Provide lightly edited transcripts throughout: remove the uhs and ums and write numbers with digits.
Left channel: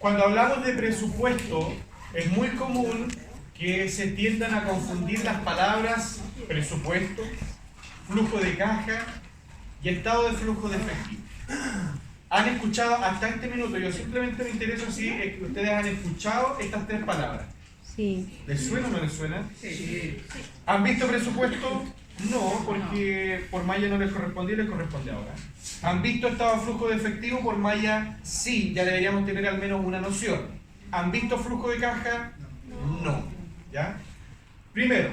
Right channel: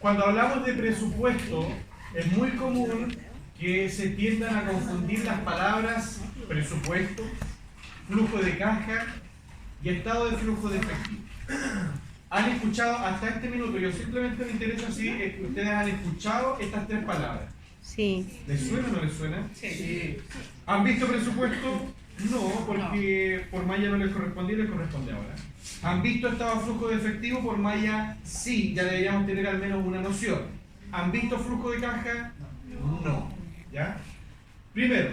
Cuando hablamos de presupuesto, es muy común que se tiendan a confundir las palabras presupuesto, flujo de caja y estado de flujo de efectivo. ¿Han escuchado hasta este minuto? Yo simplemente me interesa si es que ustedes han escuchado estas tres palabras. Sí. ¿Les suena o no les suena? Sí. ¿Han visto presupuesto? No, porque por malla no les correspondía, les corresponde ahora. ¿Han visto estado de flujo de efectivo? Por malla sí, ya deberíamos tener al menos una noción. ¿Han visto flujo de caja? No. ¿Ya? Primero,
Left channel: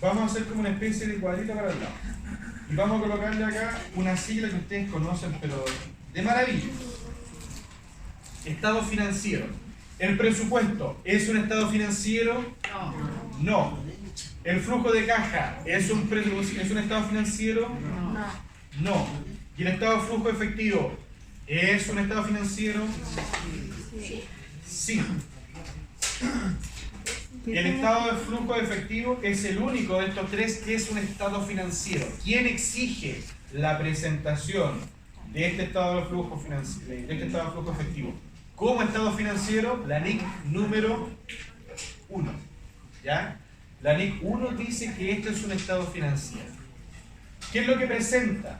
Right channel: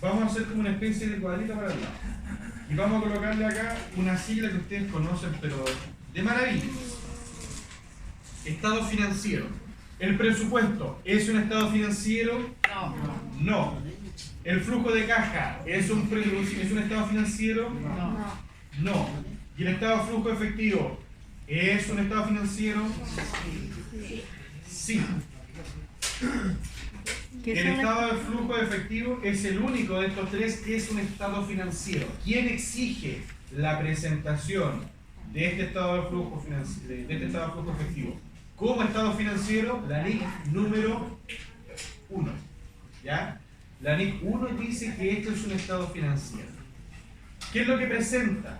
vamos a hacer como una especie de cuadrito para el lado. Y vamos a colocarle acá una sigla que ustedes conocen, pero de maravilla. Estado financiero. ¿El presupuesto es un estado financiero? No. ¿El flujo de caja es un estado financiero? No. ¿Y el estado de flujo efectivo es un estado financiero? Sí. El estado de flujo efectivo es el único de estos tres que es un estado financiero. ¿Quién exige la presentación de este estado de flujo efectivo como estado financiero? La NIC número 1. ¿Ya? La NIC 1 dice que esto es un estado financiero. ¿Qué es lo que presenta?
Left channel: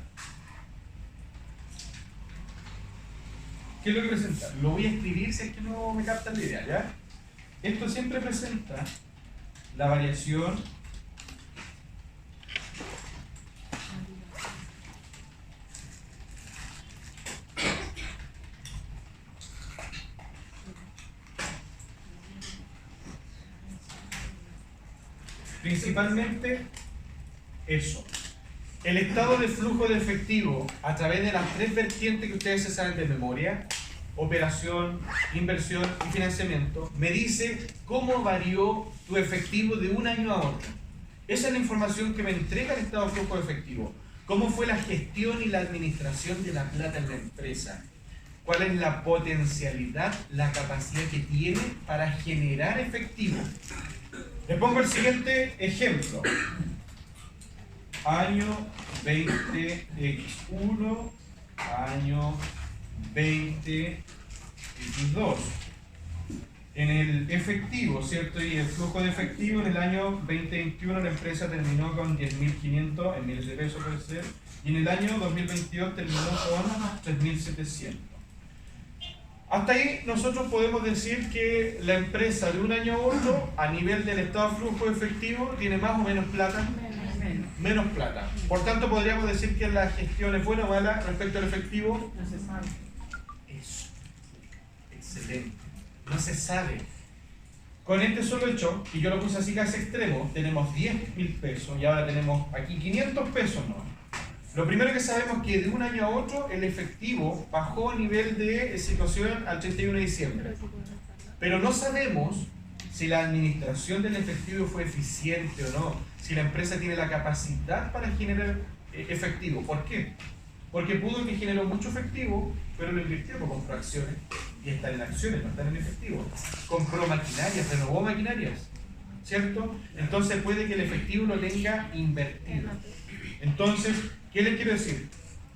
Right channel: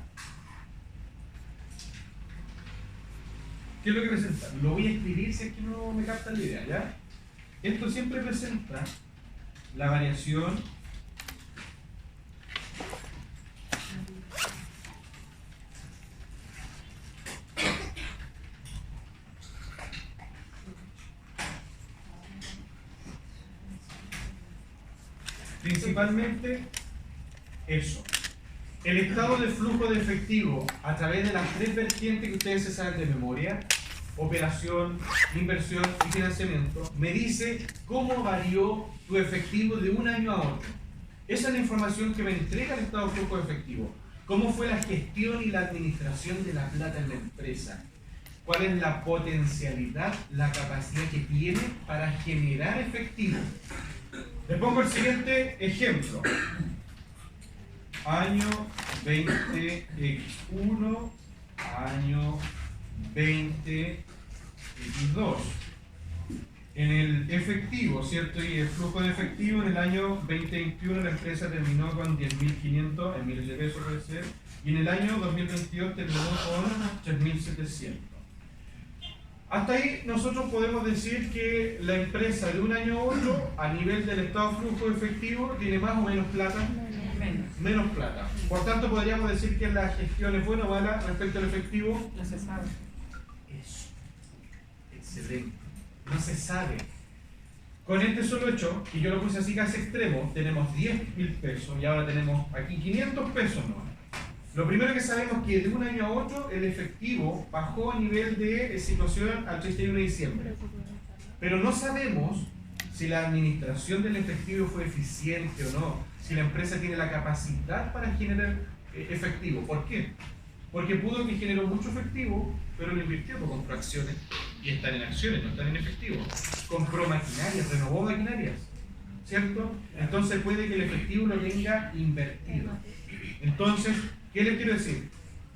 ¿Qué es lo que presenta? Lo voy a escribir si es que no me captan la idea, ¿ya? Esto siempre presenta la variación principalmente eso. El estado de flujo de efectivo a través de las tres vertientes que ustedes se saben de memoria: operación, inversión y financiamiento, me dice cómo varió tu efectivo de un año a otro. Esa es la información que me entrega el estado de flujo de efectivo. ¿Cómo fue la gestión y la administración de la plata en la empresa? ¿Cuál es la potencialidad, la capacidad que tiene para generar efectivo? Les pongo el siguiente ejemplo. Año 20X1, año 20X2. En el efectivo, ¿cierto? Y el flujo de efectivo en el año 2021 la empresa terminó con 10.500 en miles de pesos, puede ser, y en el año 2022 terminó con 3.700. Hasta ahí nosotros podemos decir que la empresa de un año a otro, a nivel del estado de flujo efectivo, tiene más o menos plata. Menos plata. Por tanto, podríamos decir que la gestión es buena o mala respecto al efectivo. No se sabe. Eso. Excelente. No se sabe. Con este solo hecho, y yo lo puse así casi extremo, tenemos 10.000 pesos y ahora tenemos aquí 500 pesos, ¿no? Lo primero que sabemos es que de un año a otro el efectivo bajó a nivel de situación al 31 de diciembre. Pero no sabemos si la administración del efectivo fue eficiente o no, si la empresa tiene la capacidad para generar efectivo. ¿Por qué? Porque pudo que generó mucho efectivo, pero lo invirtió, porque compró acciones y están en acciones, no están en efectivo. Compró maquinarias, renovó maquinarias, ¿cierto? Entonces puede que el efectivo lo tenga invertido. Entonces, ¿qué les quiero decir?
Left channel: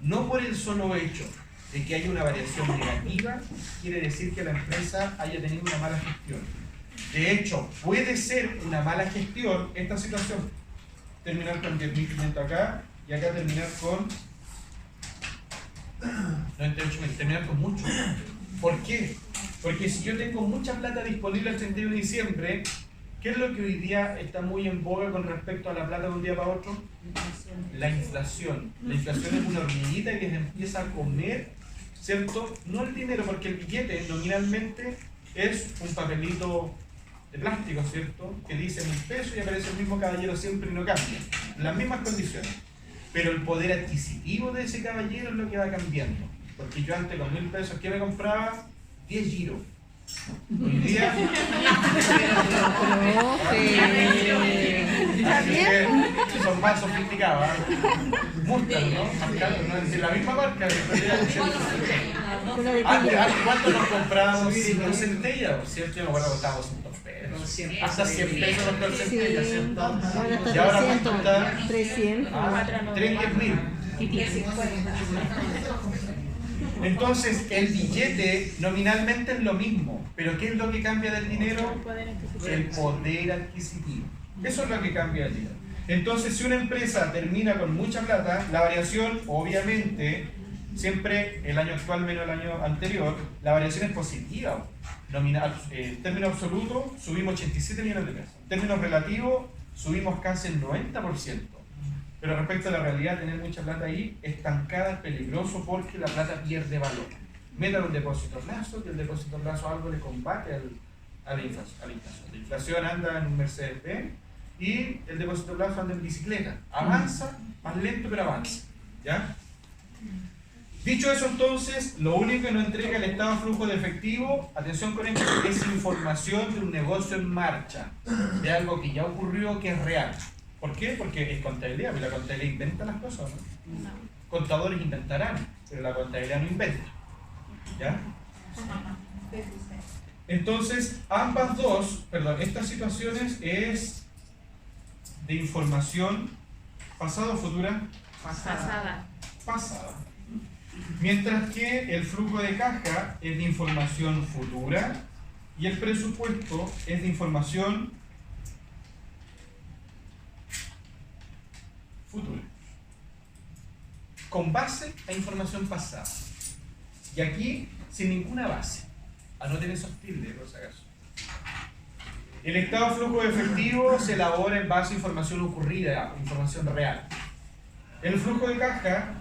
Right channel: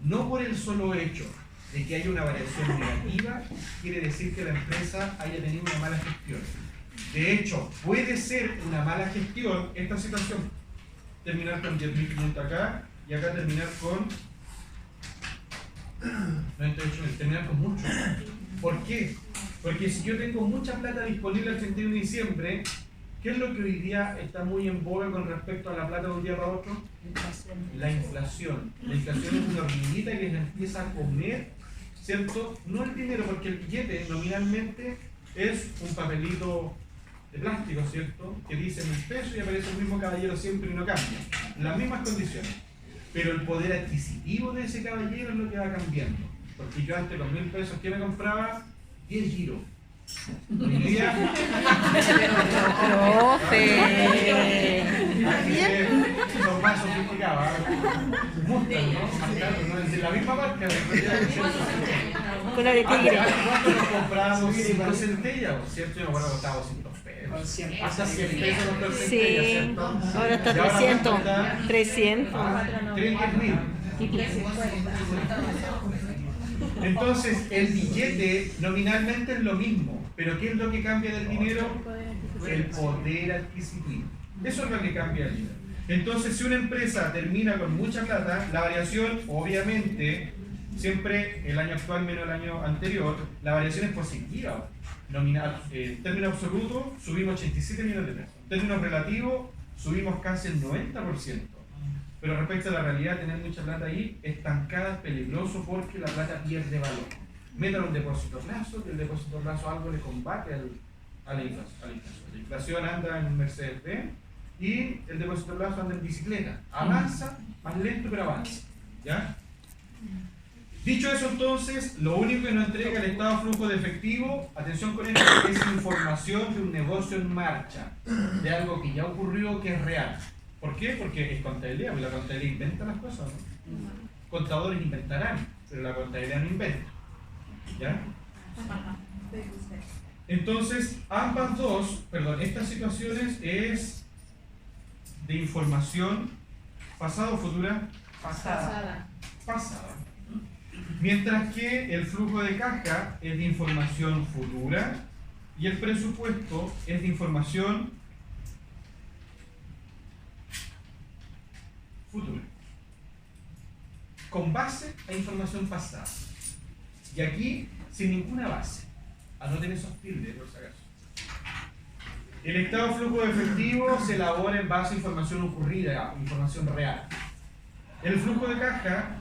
No por el solo hecho de que haya una variación negativa, quiere decir que la empresa haya tenido una mala gestión. De hecho, puede ser una mala gestión esta situación. Terminar con 10.500 acá y acá terminar con 98.000, terminar con mucho. ¿Por qué? Porque si yo tengo mucha plata disponible el 31 de diciembre, ¿qué es lo que hoy día está muy en boga con respecto a la plata de un día para otro? La inflación. La inflación es una hormiguita que se empieza a comer, ¿cierto? No el dinero, porque el billete nominalmente es un papelito de plástico, ¿cierto? Que dice 1.000 pesos y aparece el mismo caballero siempre y no cambia. Las mismas condiciones. Pero el poder adquisitivo de ese caballero es lo que va cambiando. Porque yo antes con 1.000 pesos, ¿qué me compraba? 10 giros. Hoy día... son más sofisticados. Mustang, ¿no? No es decir la misma marca. ¿Cuánto nos comprábamos 5 centellas? ¿Cierto? Yo me acuerdo que costaba 200 pesos. Hasta 100 pesos los centellas, ¿cierto? Ahora está 300. 310.000. Entonces, el billete nominalmente es lo mismo, pero ¿qué es lo que cambia del dinero? El poder adquisitivo. Eso es lo que cambia el dinero. Entonces, si una empresa termina con mucha plata, la variación, obviamente, siempre el año actual menos el año anterior, la variación es positiva. Nominal, en términos absolutos, subimos 87 millones de pesos. En términos relativos, subimos casi el 90%. Pero respecto a la realidad, tener mucha plata ahí, estancada, es peligroso porque la plata pierde valor. Metan un depósito a plazo, que el depósito a plazo algo le combate a la inflación. La inflación anda en un Mercedes-Benz y el depósito a plazo anda en bicicleta. Avanza, más lento, pero avanza. ¿Ya? Dicho eso, entonces, lo único que nos entrega el estado de flujo de efectivo, atención con esto, es información de un negocio en marcha, de algo que ya ocurrió, que es real. ¿Por qué? Porque es contabilidad, porque la contabilidad inventa las cosas, ¿no? Contadores inventarán, pero la contabilidad no inventa. ¿Ya? Entonces, estas situaciones es de información pasada o futura. Pasada. Pasada. Mientras que el flujo de caja es de información futura y el presupuesto es de información futura, con base a información pasada. Y aquí, sin ninguna base. Anoten esos tildes, por si acaso. El estado de flujo de efectivo se elabora en base a información ocurrida, información real. El flujo de caja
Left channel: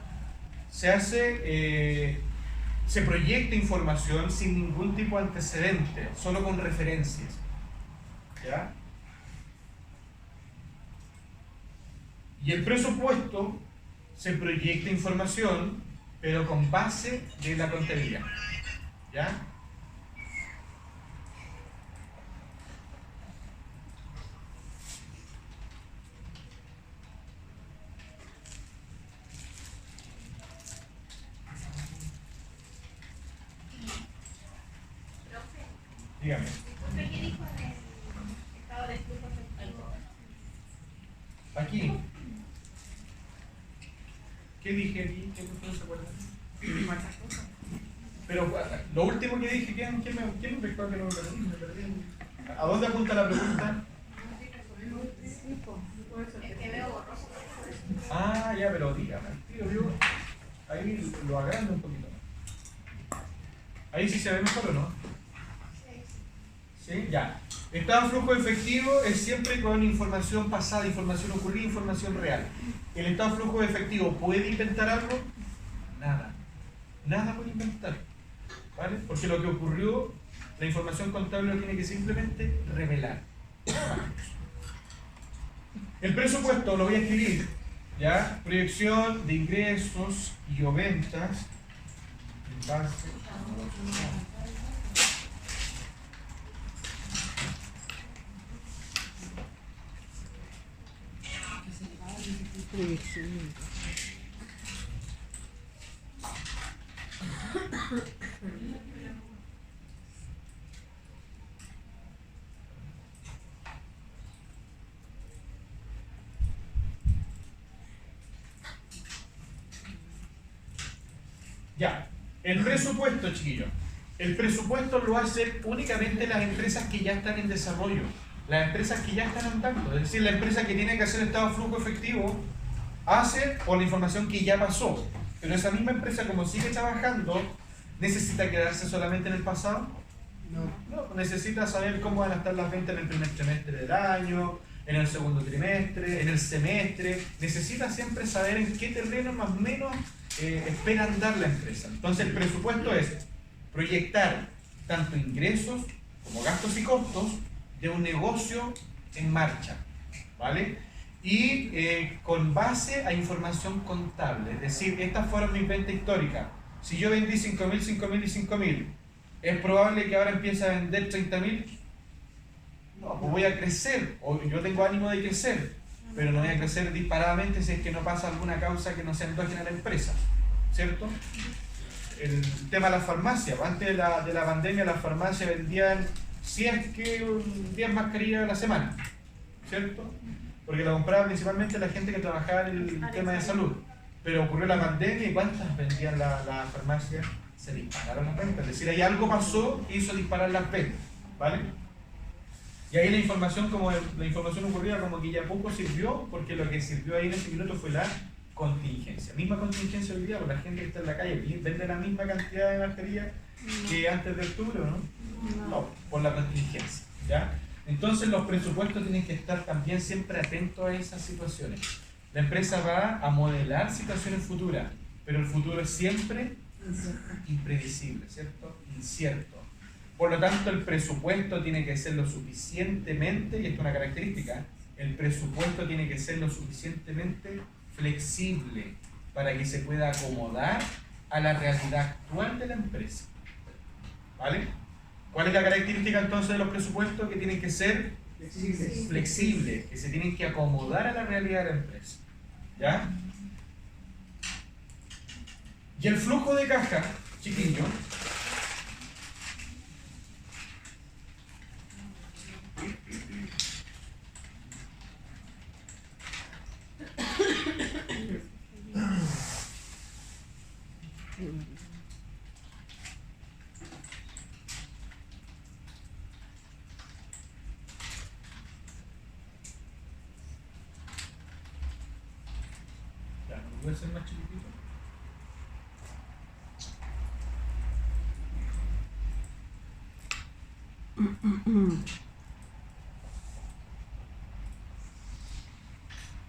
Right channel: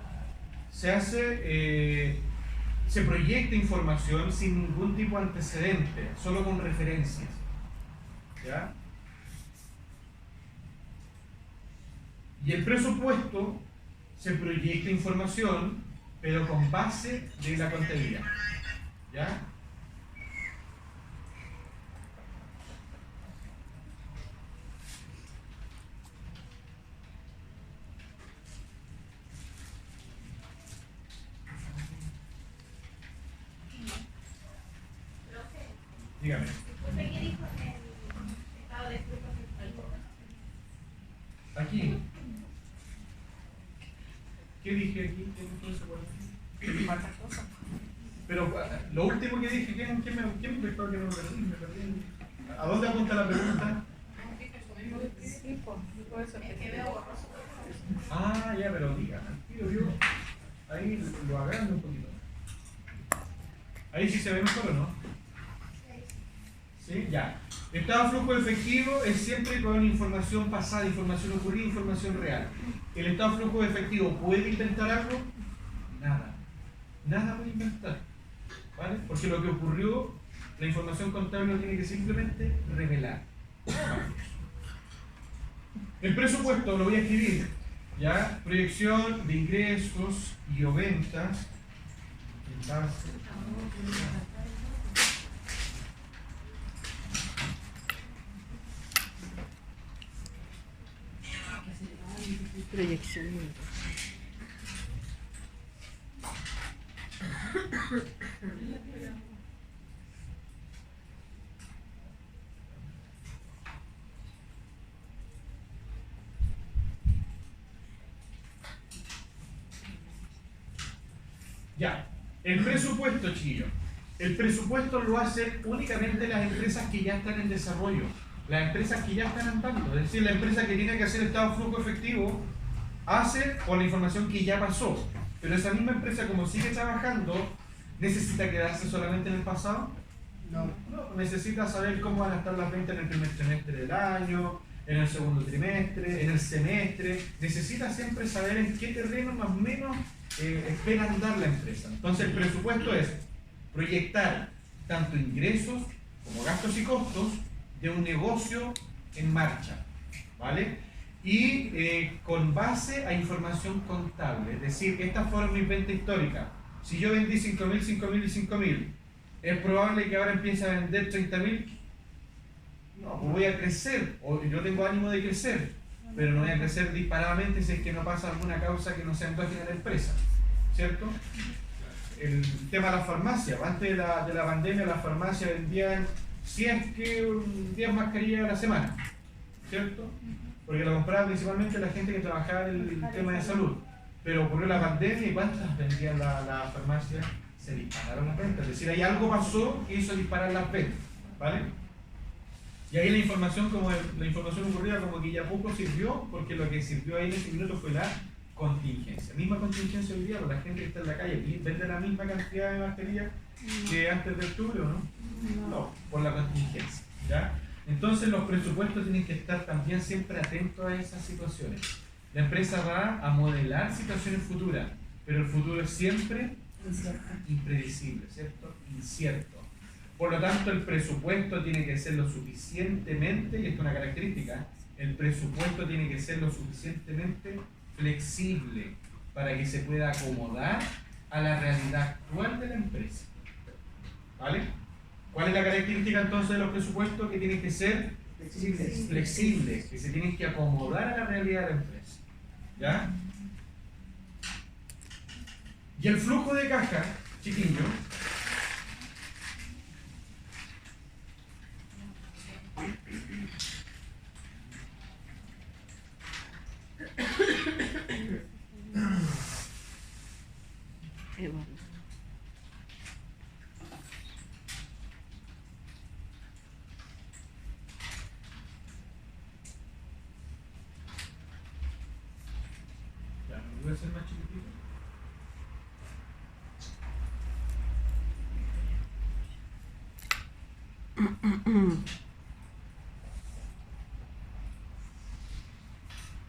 se proyecta información sin ningún tipo de antecedente, solo con referencias. ¿Ya? Y el presupuesto se proyecta información, pero con base de la contabilidad. ¿Ya? Dígame. ¿Qué dijo en el estado de flujo efectivo? Aquí. ¿Qué dije aquí? ¿Qué no se acuerda? Pero lo último que dije, ¿quién me pescó que no lo perdí? ¿A dónde apunta la pregunta? Es que veo borroso. Ah, ya, pero diga, yo ahí lo agrando un poquito. Ahí sí se ve mejor o no. ¿Sí? Ya. Estado de flujo efectivo es siempre con información pasada, información ocurrida, información real. ¿El estado de flujo efectivo puede inventar algo? Nada. Nada puede inventar. ¿Vale? Porque lo que ocurrió, la información contable lo tiene que simplemente revelar. El presupuesto lo voy a escribir. ¿Ya? Proyección de ingresos y o ventas. En base. Proyección. Ya, el presupuesto, chiquillos. El presupuesto lo hacen únicamente las empresas que ya están en desarrollo, las empresas que ya están andando. Es decir, la empresa que tiene que hacer estado de flujo efectivo hace con la información que ya pasó. Pero esa misma empresa, como sigue trabajando, ¿necesita quedarse solamente en el pasado? No, necesita saber cómo van a estar las ventas en el primer trimestre del año, en el segundo trimestre, en el semestre. Necesita siempre saber en qué terreno más o menos espera andar la empresa. Entonces el presupuesto es proyectar tanto ingresos como gastos y costos de un negocio en marcha, ¿vale? Y con base a información contable, es decir, estas fueron mis ventas históricas. Si yo vendí 5.000, 5.000 y 5.000, ¿es probable que ahora empiece a vender 30.000? No, pues voy a crecer, o yo tengo ánimo de crecer, pero no voy a crecer disparadamente si es que no pasa alguna causa que no sea endógena a la empresa, ¿cierto? El tema de las farmacias, antes de la pandemia las farmacias vendían 10 mascarillas a la semana, ¿cierto? Porque la compraba principalmente la gente que trabajaba en el tema de salud. Pero ocurrió la pandemia y ¿cuántas vendían la farmacia? se dispararon las ventas. Es decir, ahí algo pasó que hizo disparar las ventas, ¿vale? Y ahí la información ocurrida como que ya poco sirvió, porque lo que sirvió ahí en ese minuto fue la contingencia. Misma contingencia hoy día, porque la gente que está en la calle vende la misma cantidad de mascarillas que antes de octubre, ¿no? No, por la contingencia, ¿ya? Entonces los presupuestos tienen que estar también siempre atentos a esas situaciones. La empresa va a modelar situaciones futuras, pero el futuro es siempre impredecible, ¿cierto? Incierto. Por lo tanto, el presupuesto tiene que ser lo suficientemente, y esto es una característica, el presupuesto tiene que ser lo suficientemente flexible para que se pueda acomodar a la realidad actual de la empresa. ¿Vale? ¿Cuál es la característica entonces de los presupuestos? Que tienen que ser flexibles, que se tienen que acomodar a la realidad de la empresa. ¿Ya? Y el flujo de caja, chiquillo, voy a hacer más chiquitito.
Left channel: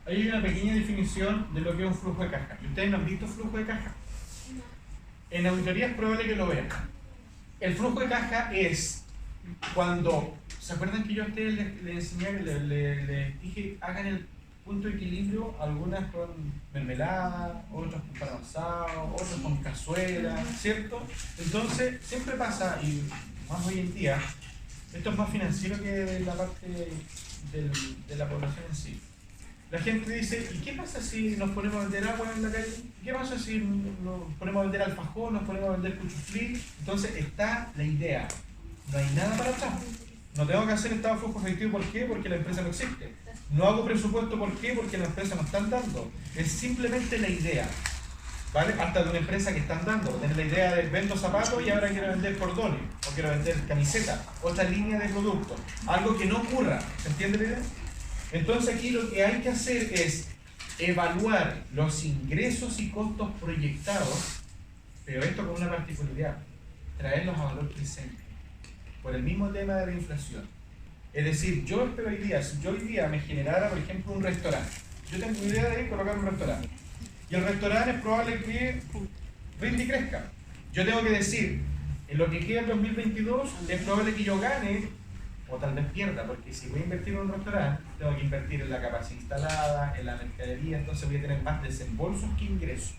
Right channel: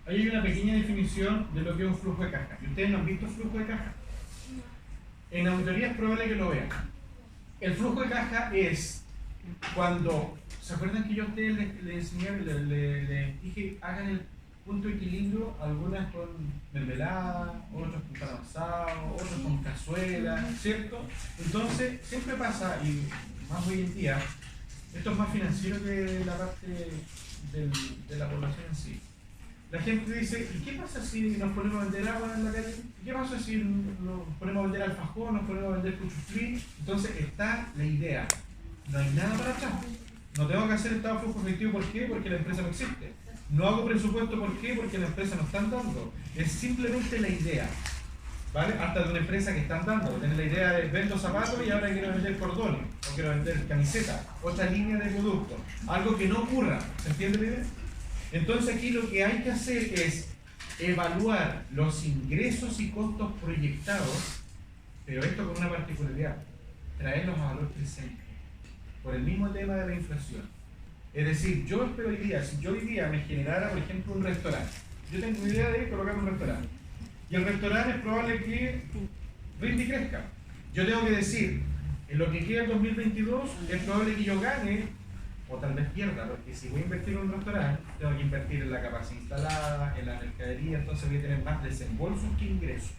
Ahí hay una pequeña definición de lo que es un flujo de caja. ¿Ustedes no han visto flujo de caja? En auditoría es probable que lo vean. El flujo de caja es cuando, ¿se acuerdan que yo a ustedes les enseñé, les dije, hagan el punto de equilibrio? Algunas con mermelada, otras con pan asado, otras con cazuela, ¿cierto? Entonces, siempre pasa, y más hoy en día, esto es más financiero que la parte de la población en sí. La gente dice, ¿y qué pasa si nos ponemos a vender agua en la calle? ¿Qué pasa si nos ponemos a vender alfajor, nos ponemos a vender cuchuflí? Entonces está la idea. No hay nada para atrás. No tengo que hacer estado de flujo efectivo, ¿por qué? Porque la empresa no existe. No hago presupuesto, ¿por qué? Porque la empresa no están dando. Es simplemente la idea. ¿Vale? Hasta de una empresa que están dando. Tener la idea de vendo zapatos y ahora quiero vender cordones. O quiero vender camiseta. Otra línea de producto. Algo que no ocurra. ¿Se entiende la idea? Entonces aquí lo que hay que hacer es evaluar los ingresos y costos proyectados, pero esto con una particularidad, traerlos a valor presente, por el mismo tema de la inflación. Es decir, yo espero hoy día, si yo hoy día me generara, por ejemplo, un restaurante, yo tengo idea de colocar un restaurante, y el restaurante es probable que rinde y crezca. Yo tengo que decir, en lo que queda en 2022, es probable que yo gane, o tal vez pierda, porque si voy a invertir en un restaurante, tengo que invertir en la capacidad instalada, en la mercadería, entonces voy a tener más desembolsos que ingresos.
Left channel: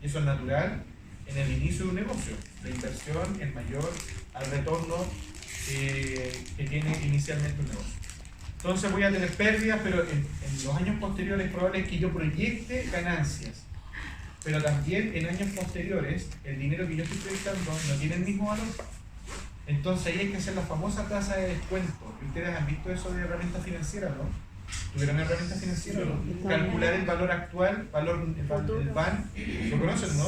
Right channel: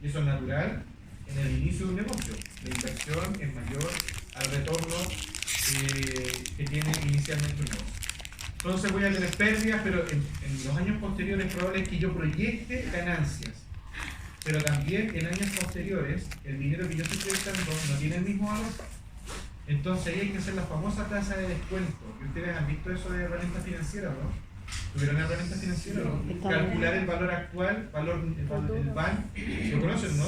Y eso es natural en el inicio de un negocio. La inversión es mayor al retorno que tiene inicialmente un negocio. Entonces voy a tener pérdidas, pero en los años posteriores es probable que yo proyecte ganancias. Pero también en años posteriores, el dinero que yo estoy proyectando no tiene el mismo valor. Entonces ahí hay que hacer la famosa tasa de descuento. ¿Ustedes han visto eso de herramientas financieras, no? ¿Tuvieron herramientas financieras? ¿No? Calcular el valor actual, el BAN. ¿Lo conocen, no?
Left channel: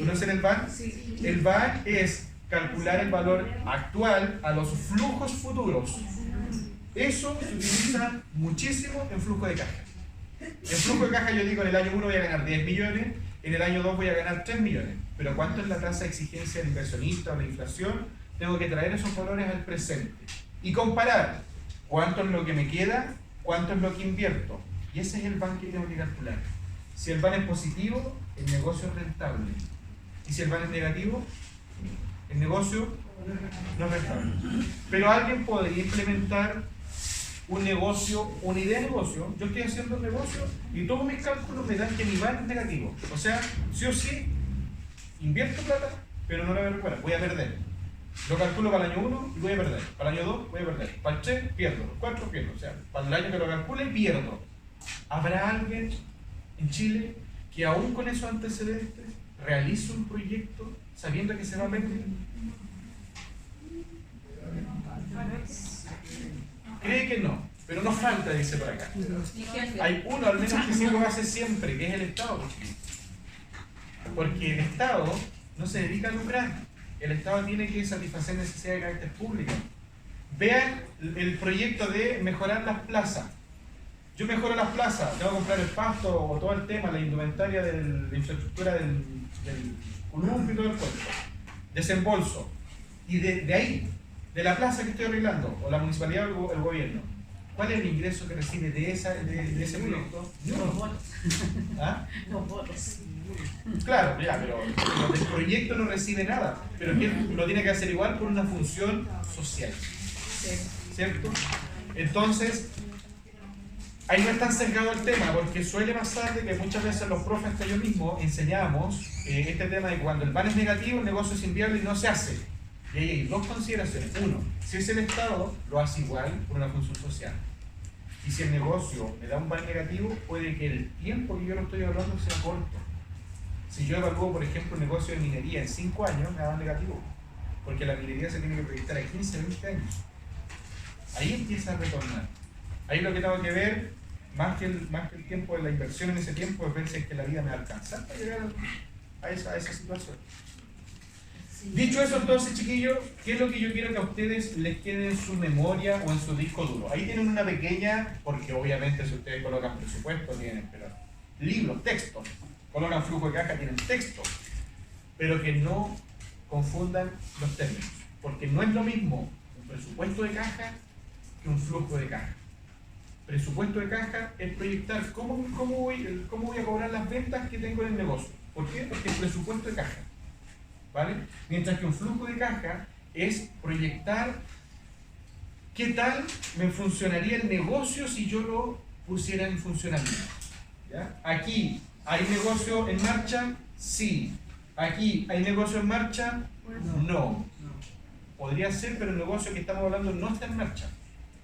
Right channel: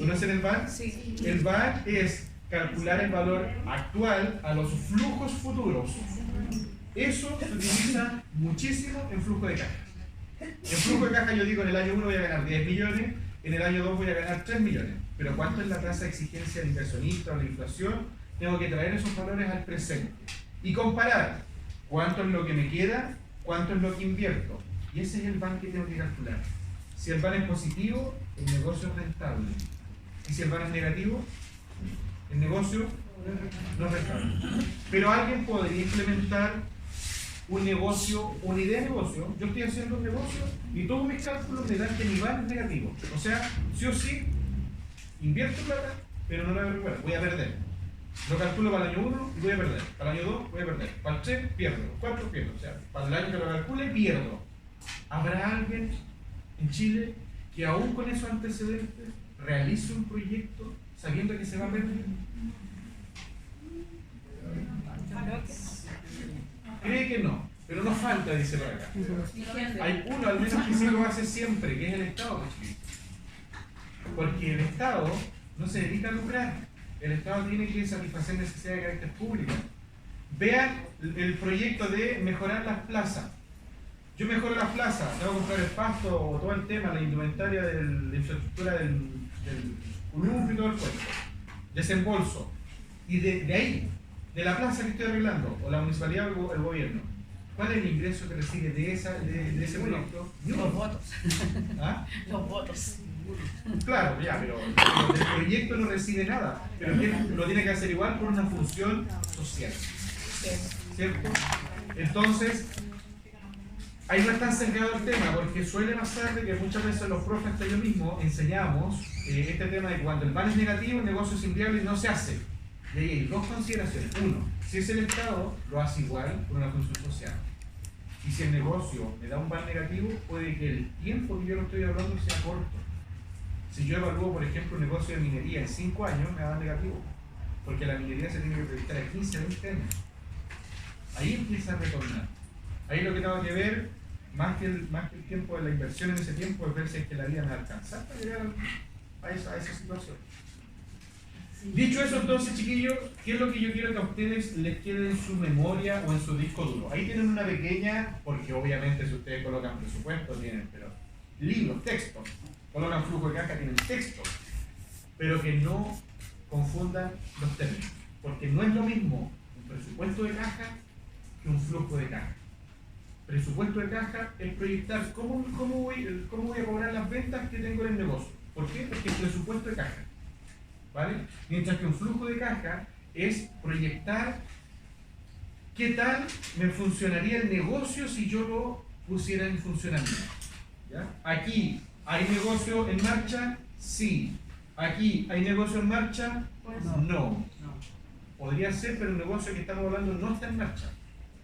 ¿Conocen el BAN? Sí. El BAN es calcular el valor actual a los flujos futuros. Eso se utiliza muchísimo en flujo de caja. En flujo de caja yo digo, en el año 1 voy a ganar 10 millones, en el año 2 voy a ganar 3 millones. Pero ¿cuánto es la tasa de exigencia del inversionista o la inflación? Tengo que traer esos valores al presente y comparar cuánto es lo que me queda, cuánto es lo que invierto. Y ese es el BAN que tengo que calcular. Si el BAN es positivo, el negocio es rentable. Y si el BAN es negativo, el negocio no es rentable. Pero alguien podría implementar un negocio, una idea de negocio. Yo estoy haciendo un negocio y todos mis cálculos me dan que mi BAN es negativo. O sea, sí o sí, invierto plata, pero no la voy a recuperar, voy a perder. Lo calculo para el año 1 y voy a perder. Para el año 2 voy a perder. Para el 3 pierdo. El 4 pierdo. O sea, para el año que lo calcule pierdo. ¿Habrá alguien en Chile que aún con esos antecedentes realice un proyecto sabiendo que se va a perder? Cree que no, pero no falta, dice por acá. Hay uno al menos que sí lo hace siempre, que es el Estado. Porque el Estado no se dedica a lucrar. el Estado tiene que satisfacer necesidades de carácter público. Vean el proyecto de mejorar las plazas. Yo mejoro las plazas, tengo que comprar el pasto o todo el tema, la indumentaria de la infraestructura del columpio y todo el pueblo. Desembolso. Y de ahí, de la plaza que estoy arreglando, o la municipalidad o el gobierno, ¿cuál es el ingreso que recibe de ese proyecto? Los votos. ¿Ah? Los votos. Claro, ya, pero el proyecto no recibe nada, pero es que lo tiene que hacer igual por una función social. ¿Cierto? Entonces, ahí no es tan sesgado el tema, porque suele pasar de que muchas veces los profes, hasta yo mismo, enseñamos este tema de cuando el plan es negativo, el negocio es inviable y no se hace. Y ahí hay dos consideraciones. Uno, si es el Estado, lo hace igual por una función social. Y si el negocio me da un plan negativo, puede que el tiempo que yo lo estoy hablando sea corto. Si yo evalúo, por ejemplo, un negocio de minería en 5 años, me da un negativo. Porque la minería se tiene que proyectar a 15 o 20 años. Ahí empieza a retornar. Ahí lo que tengo que ver, más que el tiempo de la inversión en ese tiempo, es ver si es que la vida me alcanza para llegar a esa situación. Dicho eso, entonces, chiquillos, ¿qué es lo que yo quiero que a ustedes les quede en su memoria o en su disco duro? Ahí tienen una pequeña, porque obviamente si ustedes colocan presupuesto, tienen, pero libros, textos, colocan flujo de caja, tienen textos, pero que no confundan los términos, porque no es lo mismo un presupuesto de caja que un flujo de caja. Presupuesto de caja es proyectar cómo voy a cobrar las ventas que tengo en el negocio. ¿Por qué? Porque es presupuesto de caja. ¿Vale? Mientras que un flujo de caja es proyectar qué tal me funcionaría el negocio si yo lo pusiera en funcionamiento. ¿Ya? Aquí, ¿hay negocio en marcha? Sí. Aquí, ¿hay negocio en marcha? No. Podría ser, pero el negocio que estamos hablando no está en marcha.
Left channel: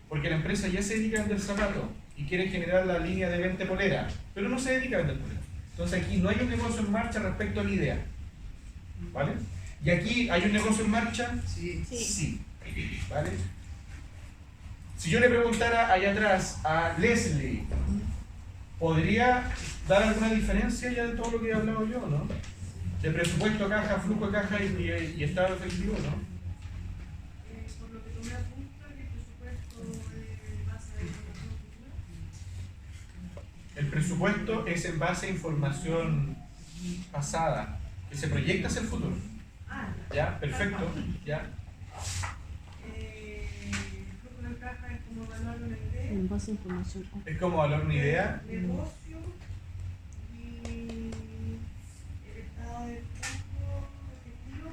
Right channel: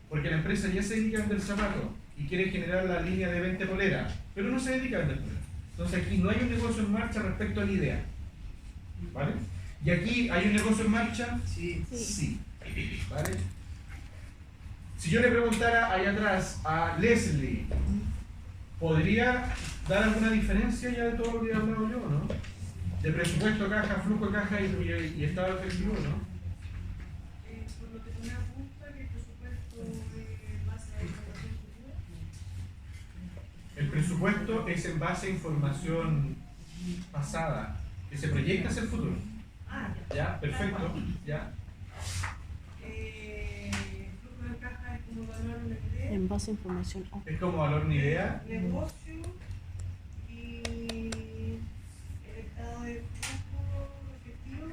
Porque la empresa ya se dedica a vender zapatos y quiere generar la línea de venta polera, pero no se dedica a vender polera. Entonces aquí no hay un negocio en marcha respecto a la idea. ¿Vale? ¿Y aquí hay un negocio en marcha? Sí. ¿Vale? Si yo le preguntara allá atrás a Leslie, ¿podría dar alguna diferencia ya de todo lo que he hablado yo, no? De presupuesto, caja, flujo de caja y estado efectivo, ¿no? Por lo que tú me apuntas, que el presupuesto es base de información futura. El presupuesto es en base a información pasada, que se proyecta hacia el futuro. ¿Ya? Perfecto. ¿Ya? Flujo de caja es como evaluar una idea. En base a información. Es como valorar una idea. Negocio y el estado de flujo efectivo,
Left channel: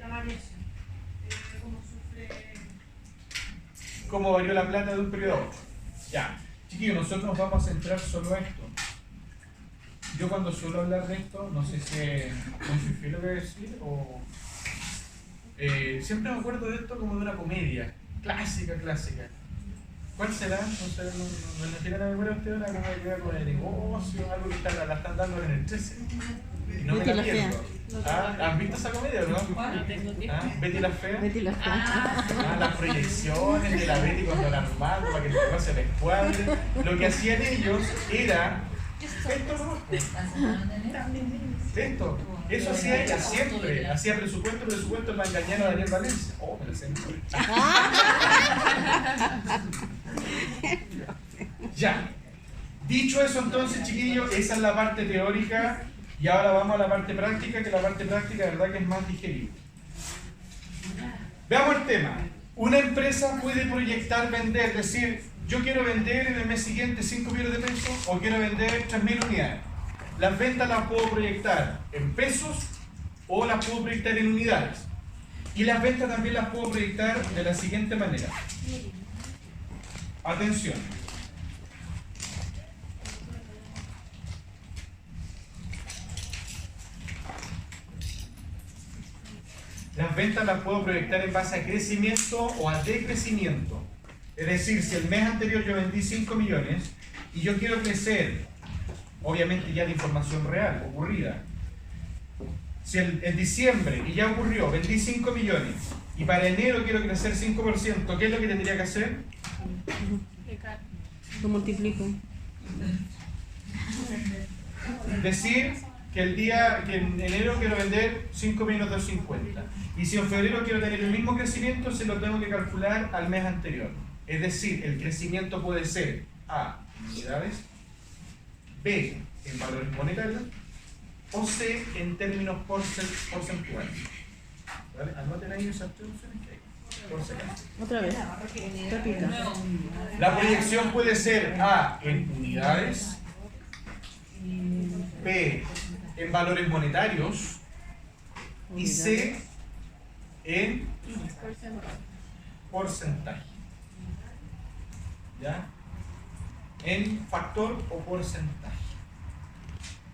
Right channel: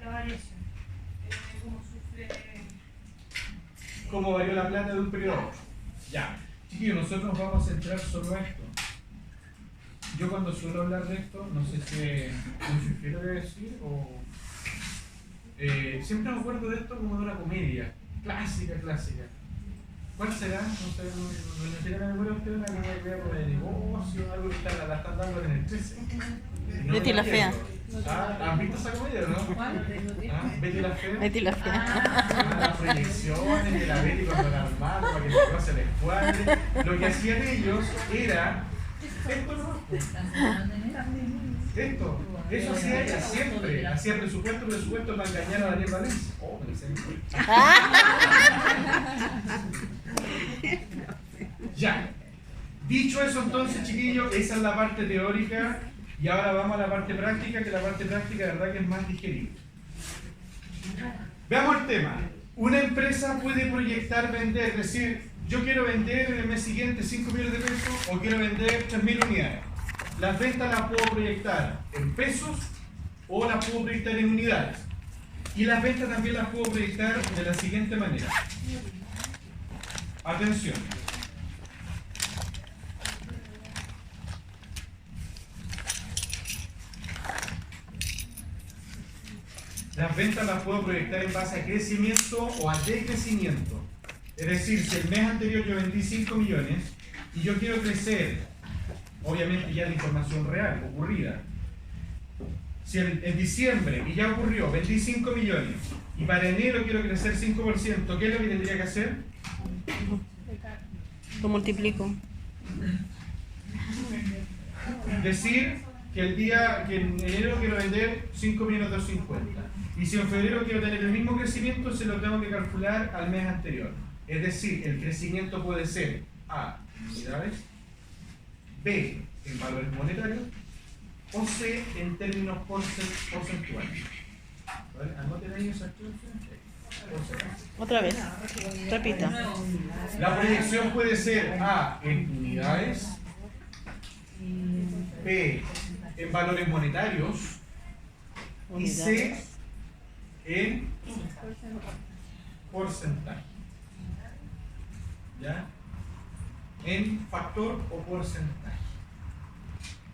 la variación. Cómo sufre. ¿Cómo varió la plata de un periodo a otro? Ya. Chiquillos, nosotros nos vamos a centrar solo a esto. Yo cuando suelo hablar de esto, no sé si es muy fiel lo que voy a decir o... siempre me acuerdo de esto como de una comedia. Clásica. ¿Cuál será? No sé, no tiene que ver usted una comedia con el negocio, algo que la están dando en el 13. No Betty la Fea. ¿Han visto esa comedia o no? ¿Betty la Fea? Betty la Fea. Las proyecciones de la Betty con Don Armando para que el negocio se les cuadre. Lo que hacían ellos era esto. Eso hacía ella siempre. Hacía presupuesto para engañar a Daniel Valencia. Oh, me lo sé. Ya. Dicho eso, entonces, chiquillos, esa es la parte teórica. Y ahora vamos a la parte práctica, que la parte práctica, de verdad, que es más digerible. Veamos el tema. Una empresa puede proyectar vender, decir, yo quiero vender en el mes siguiente 5 millones de pesos o quiero vender 3.000 unidades. Las ventas las puedo proyectar en pesos o las puedo proyectar en unidades. Y las ventas también las puedo proyectar de la siguiente manera. Atención. Las ventas las puedo proyectar en base a crecimiento o a decrecimiento. Es decir, si el mes anterior yo vendí 5 millones y yo quiero crecer, obviamente ya de información real, ocurrida. Si en diciembre, y ya ocurrió, vendí 5 millones y para enero quiero crecer 5%, ¿qué es lo que tendría que hacer? Lo multiplico. Decir que en enero quiero vender 5.250.000. Y si en febrero quiero tener el mismo crecimiento, se lo tengo que calcular al mes anterior. Es decir, el crecimiento puede ser A, en unidades, B, en valores monetarios, o C, en términos porcentuales. ¿Vale? Anoten ahí esas tres opciones que hay. Por si acaso. Otra vez. Repita. La proyección puede ser A, en unidades, B, en valores monetarios, y C, en porcentaje. ¿Ya? En factor o porcentaje.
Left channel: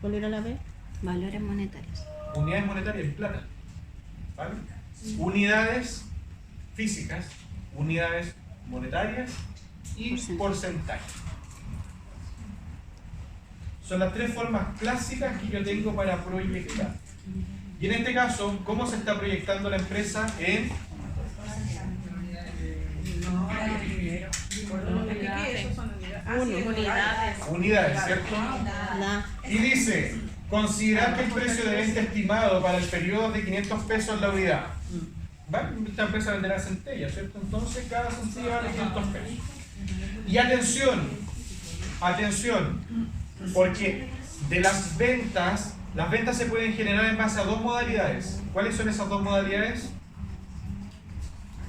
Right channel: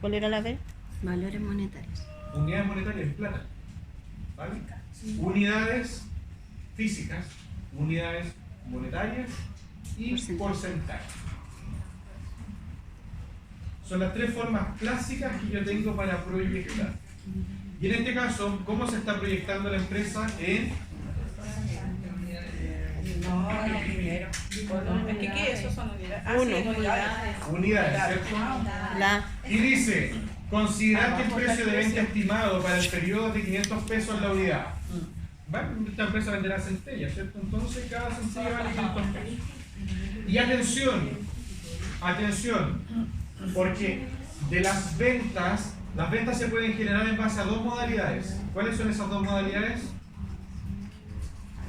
¿Cuál era la B? Valores monetarios. Unidades monetarias en plata. ¿Vale? Unidades físicas, unidades monetarias y porcentaje. Son las tres formas clásicas que yo tengo para proyectar. Y en este caso, ¿cómo se está proyectando la empresa? En unidades, ¿cierto? Y dice, considerar que el precio de venta estimado para el periodo de 500 pesos es la unidad. ¿Va? Esta empresa venderá centellas, ¿cierto? Entonces cada centella vale 500 pesos. Y atención, porque de las ventas se pueden generar en base a dos modalidades. ¿Cuáles son esas dos modalidades?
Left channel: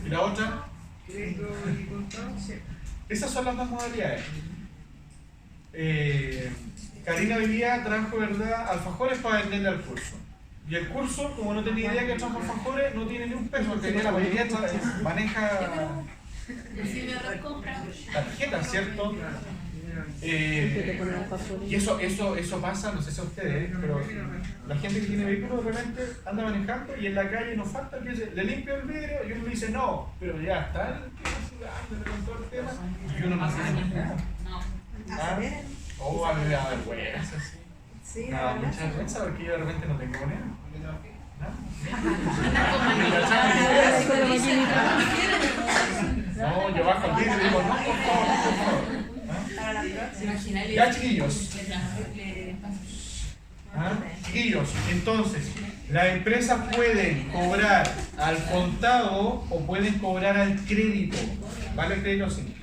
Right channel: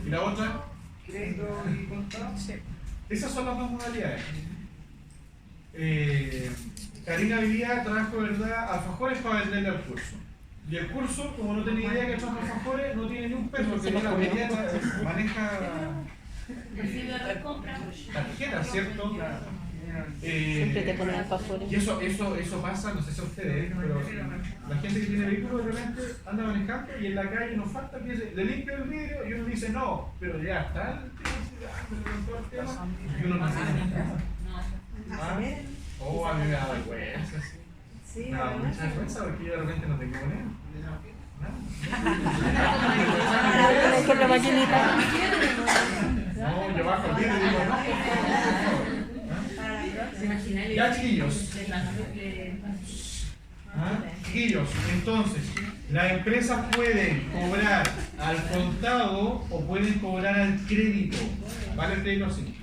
¿Y la otra? Crédito y contado, sí. Esas son las dos modalidades. Karina hoy día trajo, ¿verdad?, alfajores para venderle al curso. Y el curso, como no tenía idea que trajo alfajores, no tiene ni un peso, porque ella la mayoría maneja tarjeta, ¿cierto? Y eso pasa, no sé si a ustedes, pero la gente que tiene vehículo de repente anda manejando y en la calle nos falta que le limpia el vidrio y uno dice no, pero ya está y uno no dice oh, a mí me da vergüenza, sí. Me da mucha vergüenza porque yo de repente no tengo moneda. Con la maquinita. No, yo bajo el vidrio y digo no, por favor. Ya, chiquillos. Chiquillos, entonces, las empresas pueden cobrar al contado o pueden cobrar al crédito. ¿Vale? El crédito sí.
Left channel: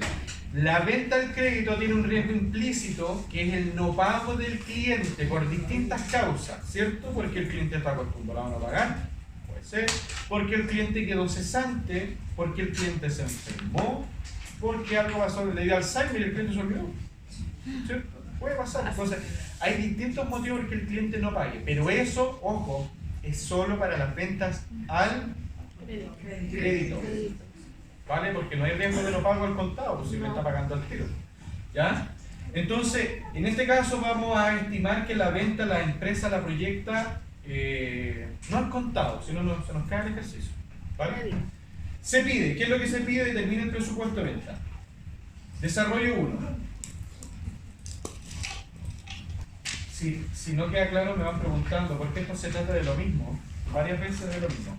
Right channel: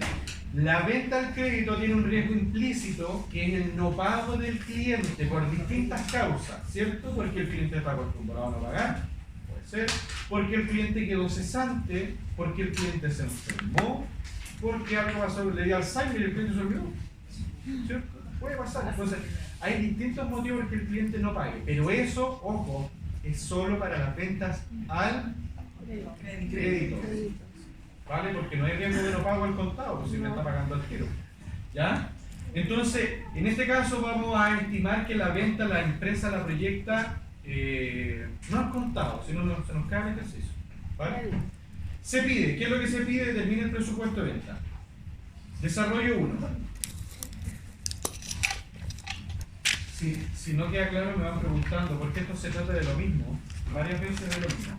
La venta al crédito tiene un riesgo implícito que es el no pago del cliente por distintas causas, ¿cierto? Porque el cliente está acostumbrado a no pagar, puede ser, porque el cliente quedó cesante, porque el cliente se enfermó, porque algo pasó, le dio Alzheimer y el cliente se olvidó, ¿cierto? Puede pasar. Entonces, hay distintos motivos por que el cliente no pague, pero eso, ojo, es solo para las ventas al crédito. ¿Vale? Porque no hay riesgo de no pago al contado, pues si me está pagando al giro. ¿Ya? Entonces, en este caso vamos a estimar que la venta, la empresa la proyecta no al contado, sino se nos cae el ejercicio. ¿Vale? Se pide, ¿qué es lo que se pide? Determina el presupuesto de venta. Desarrollo 1. Si no queda claro me van preguntando, porque esto se trata de lo mismo, varias veces de lo mismo.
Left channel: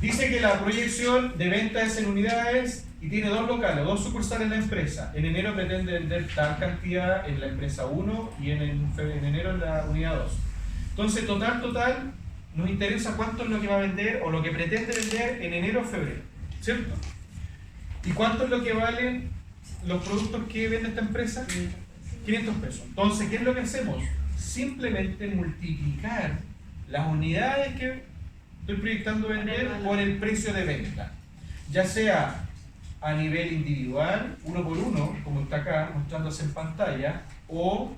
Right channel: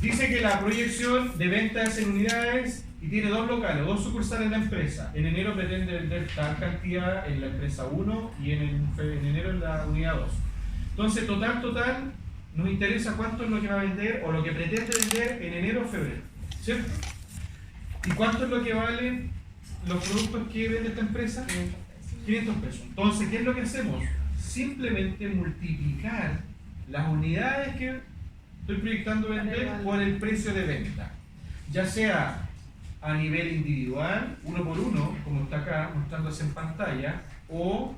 Dice que la proyección de venta es en unidades y tiene dos locales, dos sucursales en la empresa. En enero pretende vender tal cantidad en la empresa 1 y en enero en la unidad 2. Entonces, total, nos interesa cuánto es lo que va a vender o lo que pretende vender en enero o febrero, ¿cierto? ¿Y cuánto es lo que valen los productos que vende esta empresa? 500 pesos. Entonces, ¿qué es lo que hacemos? Simplemente multiplicar las unidades que estoy proyectando vender por el precio de venta, ya sea a nivel individual, uno por uno, como está acá mostrándose en pantalla, o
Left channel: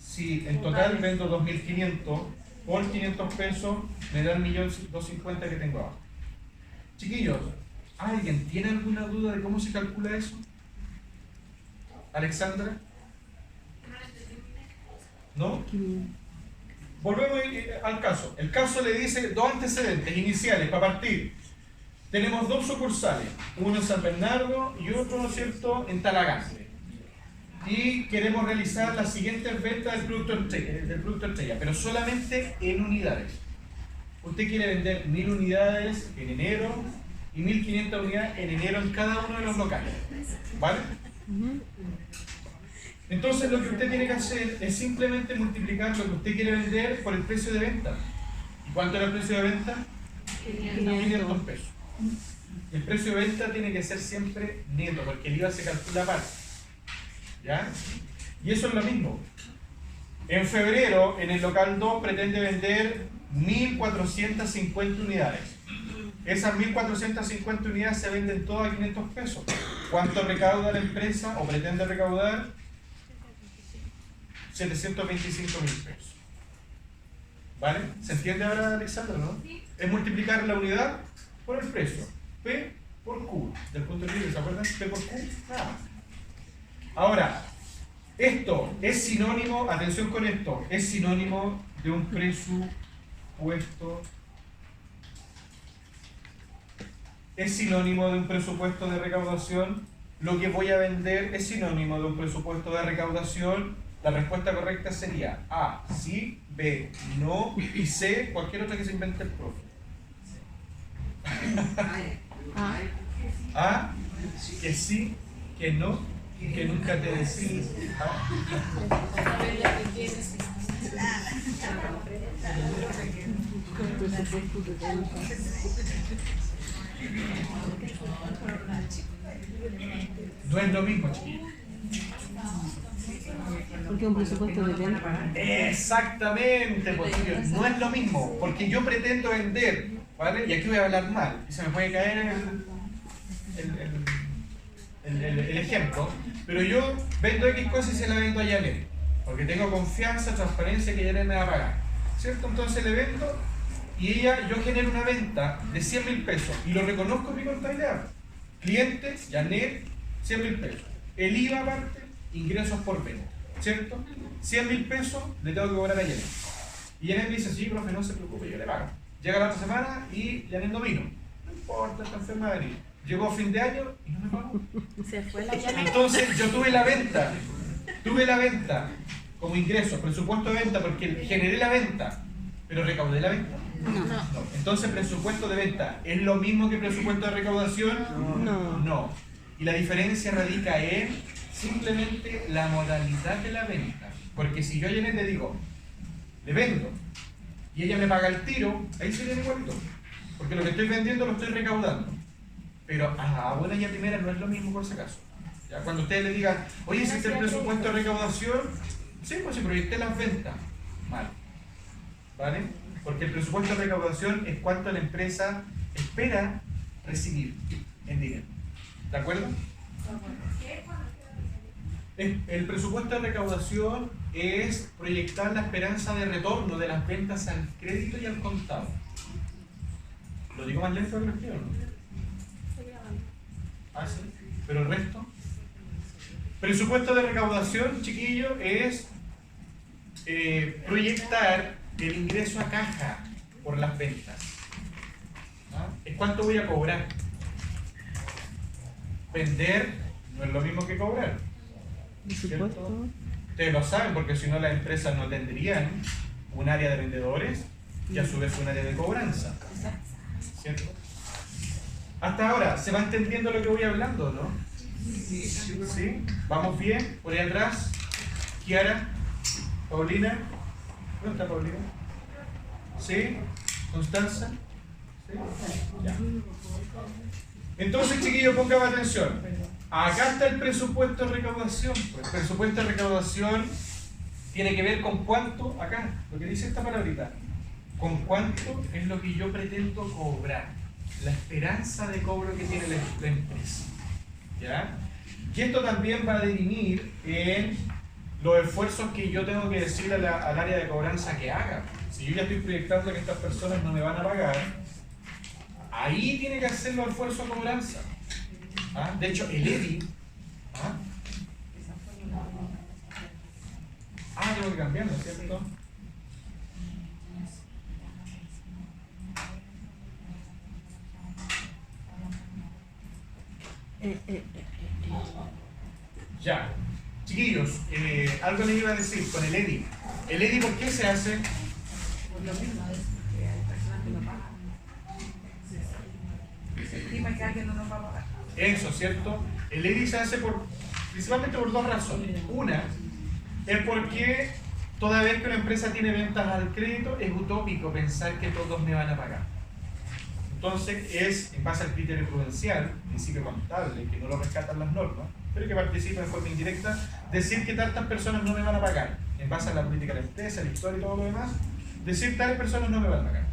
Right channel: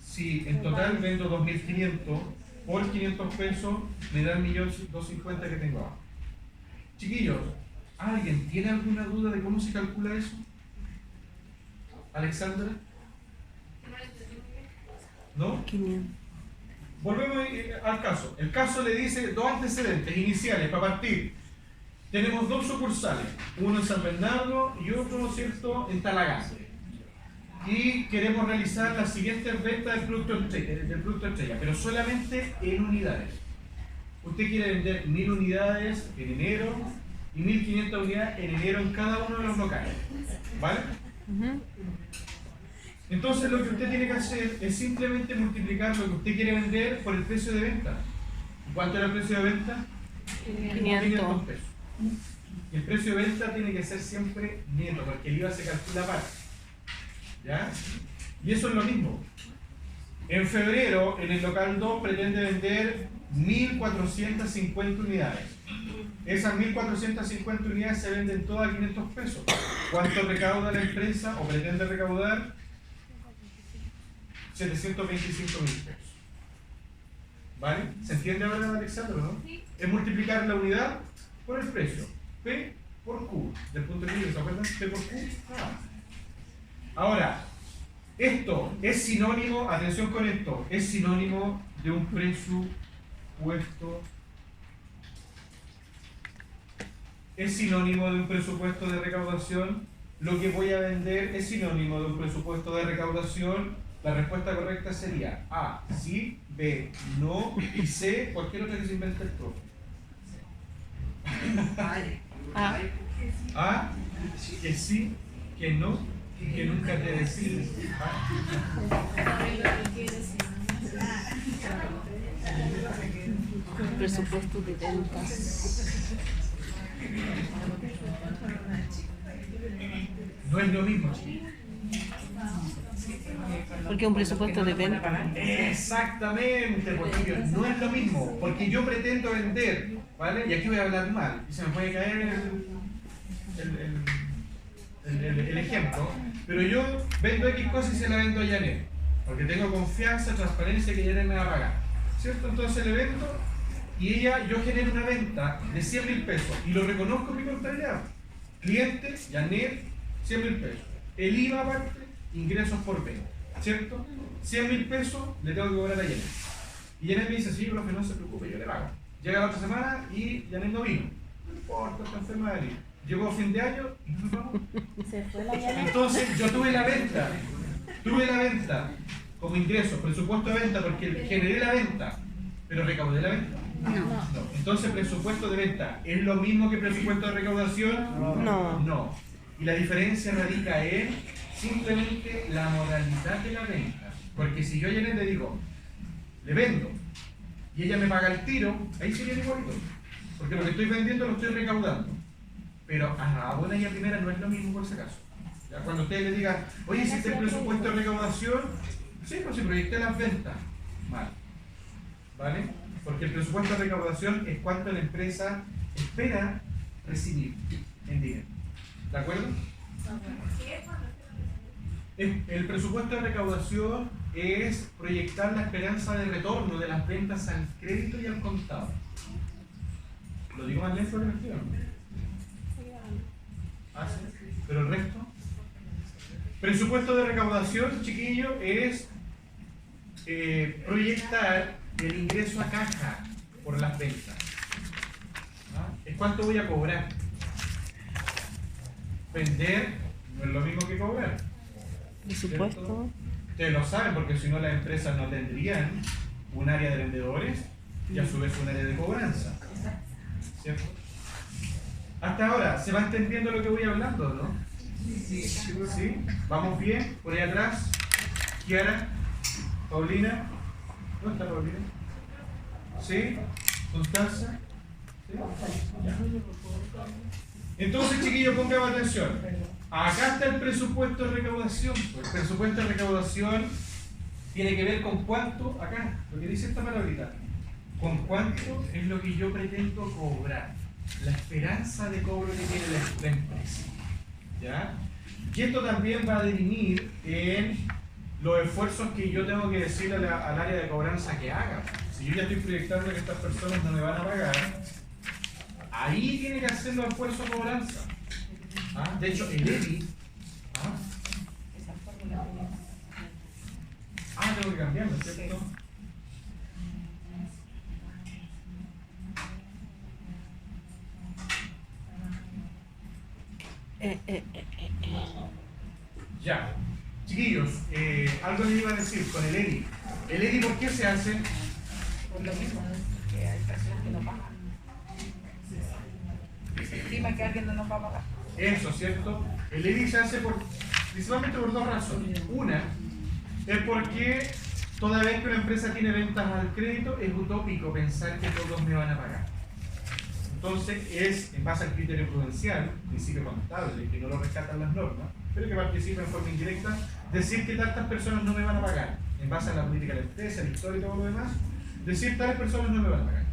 si en total vendo 2.500 por 500 pesos, me da el 1.250.000 que tengo ahora. Chiquillos, ¿alguien tiene alguna duda de cómo se calcula eso? ¿Alexandra? ¿No? Volvemos al caso. El caso le dice dos antecedentes iniciales para partir. Tenemos dos sucursales, uno en San Bernardo y otro, ¿no es cierto?, en Talagante. Y queremos realizar las siguientes ventas del producto estrella, pero solamente en unidades. Usted quiere vender 1.000 unidades en enero y 1.500 unidades en enero en cada uno de los locales. ¿Vale? Entonces lo que usted tiene que hacer es simplemente multiplicar lo que usted quiere vender por el precio de venta. ¿Y cuánto era el precio de venta? 500 pesos. El precio de venta tiene que ser siempre neto, porque el IVA se calcula aparte. ¿Ya? Y eso es lo mismo. En febrero, en el local 2, pretende vender 1.450 unidades. Esas 1.450 unidades se venden todas a 500 pesos. ¿Cuánto recauda la empresa o pretende recaudar? 725.000 pesos. ¿Vale? ¿Se entiende ahora, Alexandro, no? Es multiplicar la unidad por el precio. P por Q. Del punto de vista, ¿se acuerdan? P por Q. Ahora, esto es sinónimo, atención con esto, es sinónimo de un presupuesto. Es sinónimo de un presupuesto de recaudación. Lo que voy a vender es sinónimo de un presupuesto de recaudación. La respuesta correcta sería A, sí, B, no, y C, cualquier otra que se invente el profe. A, que sí, que no, y que nunca te decides. Un presupuesto de venta. No es lo mismo, chiquillos. Porque es un presupuesto de venta. Exactamente, porque no es lo mismo, porque yo pretendo vender, ¿vale? Y aquí voy a hablar mal, y se me puede caer el ejemplo, pero yo vendo X cosas y se la vendo a Janet, porque tengo confianza, transparencia que Janet me va a pagar, ¿cierto? Entonces le vendo y yo genero una venta de 100.000 pesos y lo reconozco en mi contabilidad. Cliente, Janet, 100.000 pesos. El IVA aparte, ingresos por venta, ¿cierto? 100.000 pesos le tengo que cobrar a Janet. Y Janet me dice, sí, profe, no se preocupe, yo le pago. Llega la otra semana y Janet no vino. No importa, está enferma de venir. Llegó fin de año y no me pagó. Entonces yo tuve la venta como ingreso, presupuesto de venta, porque generé la venta, pero recaudé la venta. No. Entonces presupuesto de venta, ¿es lo mismo que presupuesto de recaudación? No. Y la diferencia radica en simplemente la modalidad de la venta. Porque si yo a Janet le digo, le vendo, y ella me paga el tiro, ahí sería igualito. Porque lo que estoy vendiendo lo estoy recaudando. Pero a buena y a primera no es lo mismo por si acaso. ¿Ya? Cuando ustedes le digan, oye, ¿hiciste el presupuesto de recaudación? Sí, pues si proyecté las ventas. Mal. ¿Vale? Porque el presupuesto de recaudación es cuánto la empresa espera recibir en dinero. ¿De acuerdo? El presupuesto de recaudación es proyectar la esperanza de retorno de las ventas al crédito y al contado. ¿Lo digo más lento que lo quiero? ¿Ah, sí? ¿Pero el resto? Presupuesto de recaudación, chiquillo, es proyectar el ingreso a caja por las ventas. ¿Ah? Es cuánto voy a cobrar. Vender no es lo mismo que cobrar. Presupuesto. Ustedes lo saben porque si no las empresas no tendrían un área de vendedores y a su vez un área de cobranza. ¿Cierto? Hasta ahora, ¿se va entendiendo lo que voy hablando, no? ¿Sí? ¿Vamos bien? Por ahí atrás. Kiara, Paulina. ¿Dónde está Paulina? ¿Sí? ¿Constanza? ¿Sí? Ya. Entonces, chiquillos, pongan atención. Acá está el presupuesto de recaudación. El presupuesto de recaudación tiene que ver con cuánto, acá, lo que dice esta palabrita, con cuánto es lo que yo pretendo cobrar, la esperanza de cobro que tiene la empresa. ¿Ya? Y esto también va a definir en los esfuerzos que yo tengo que decirle al área de cobranza que haga. Si yo ya estoy proyectando que estas personas no me van a pagar, ahí tiene que hacer los esfuerzos de cobranza. ¿Ah? De hecho, el EDI. Tengo que cambiarlo, ¿cierto? Ya. Chiquillos, algo les iba a decir con el EDI. ¿El EDI por qué se hace? Por lo mismo. Se estima que alguien no nos va a pagar. Eso, ¿cierto? El EDI se hace principalmente por dos razones. Una, es porque toda vez que una empresa tiene ventas al crédito es utópico pensar que todos me van a pagar. Entonces es, en base al criterio prudencial, principio contable, que no lo rescatan las normas, pero que participa en forma indirecta, decir que tantas personas no me van a pagar, en base a la política de la empresa, la historia y todo lo demás, decir tales personas no me van a pagar.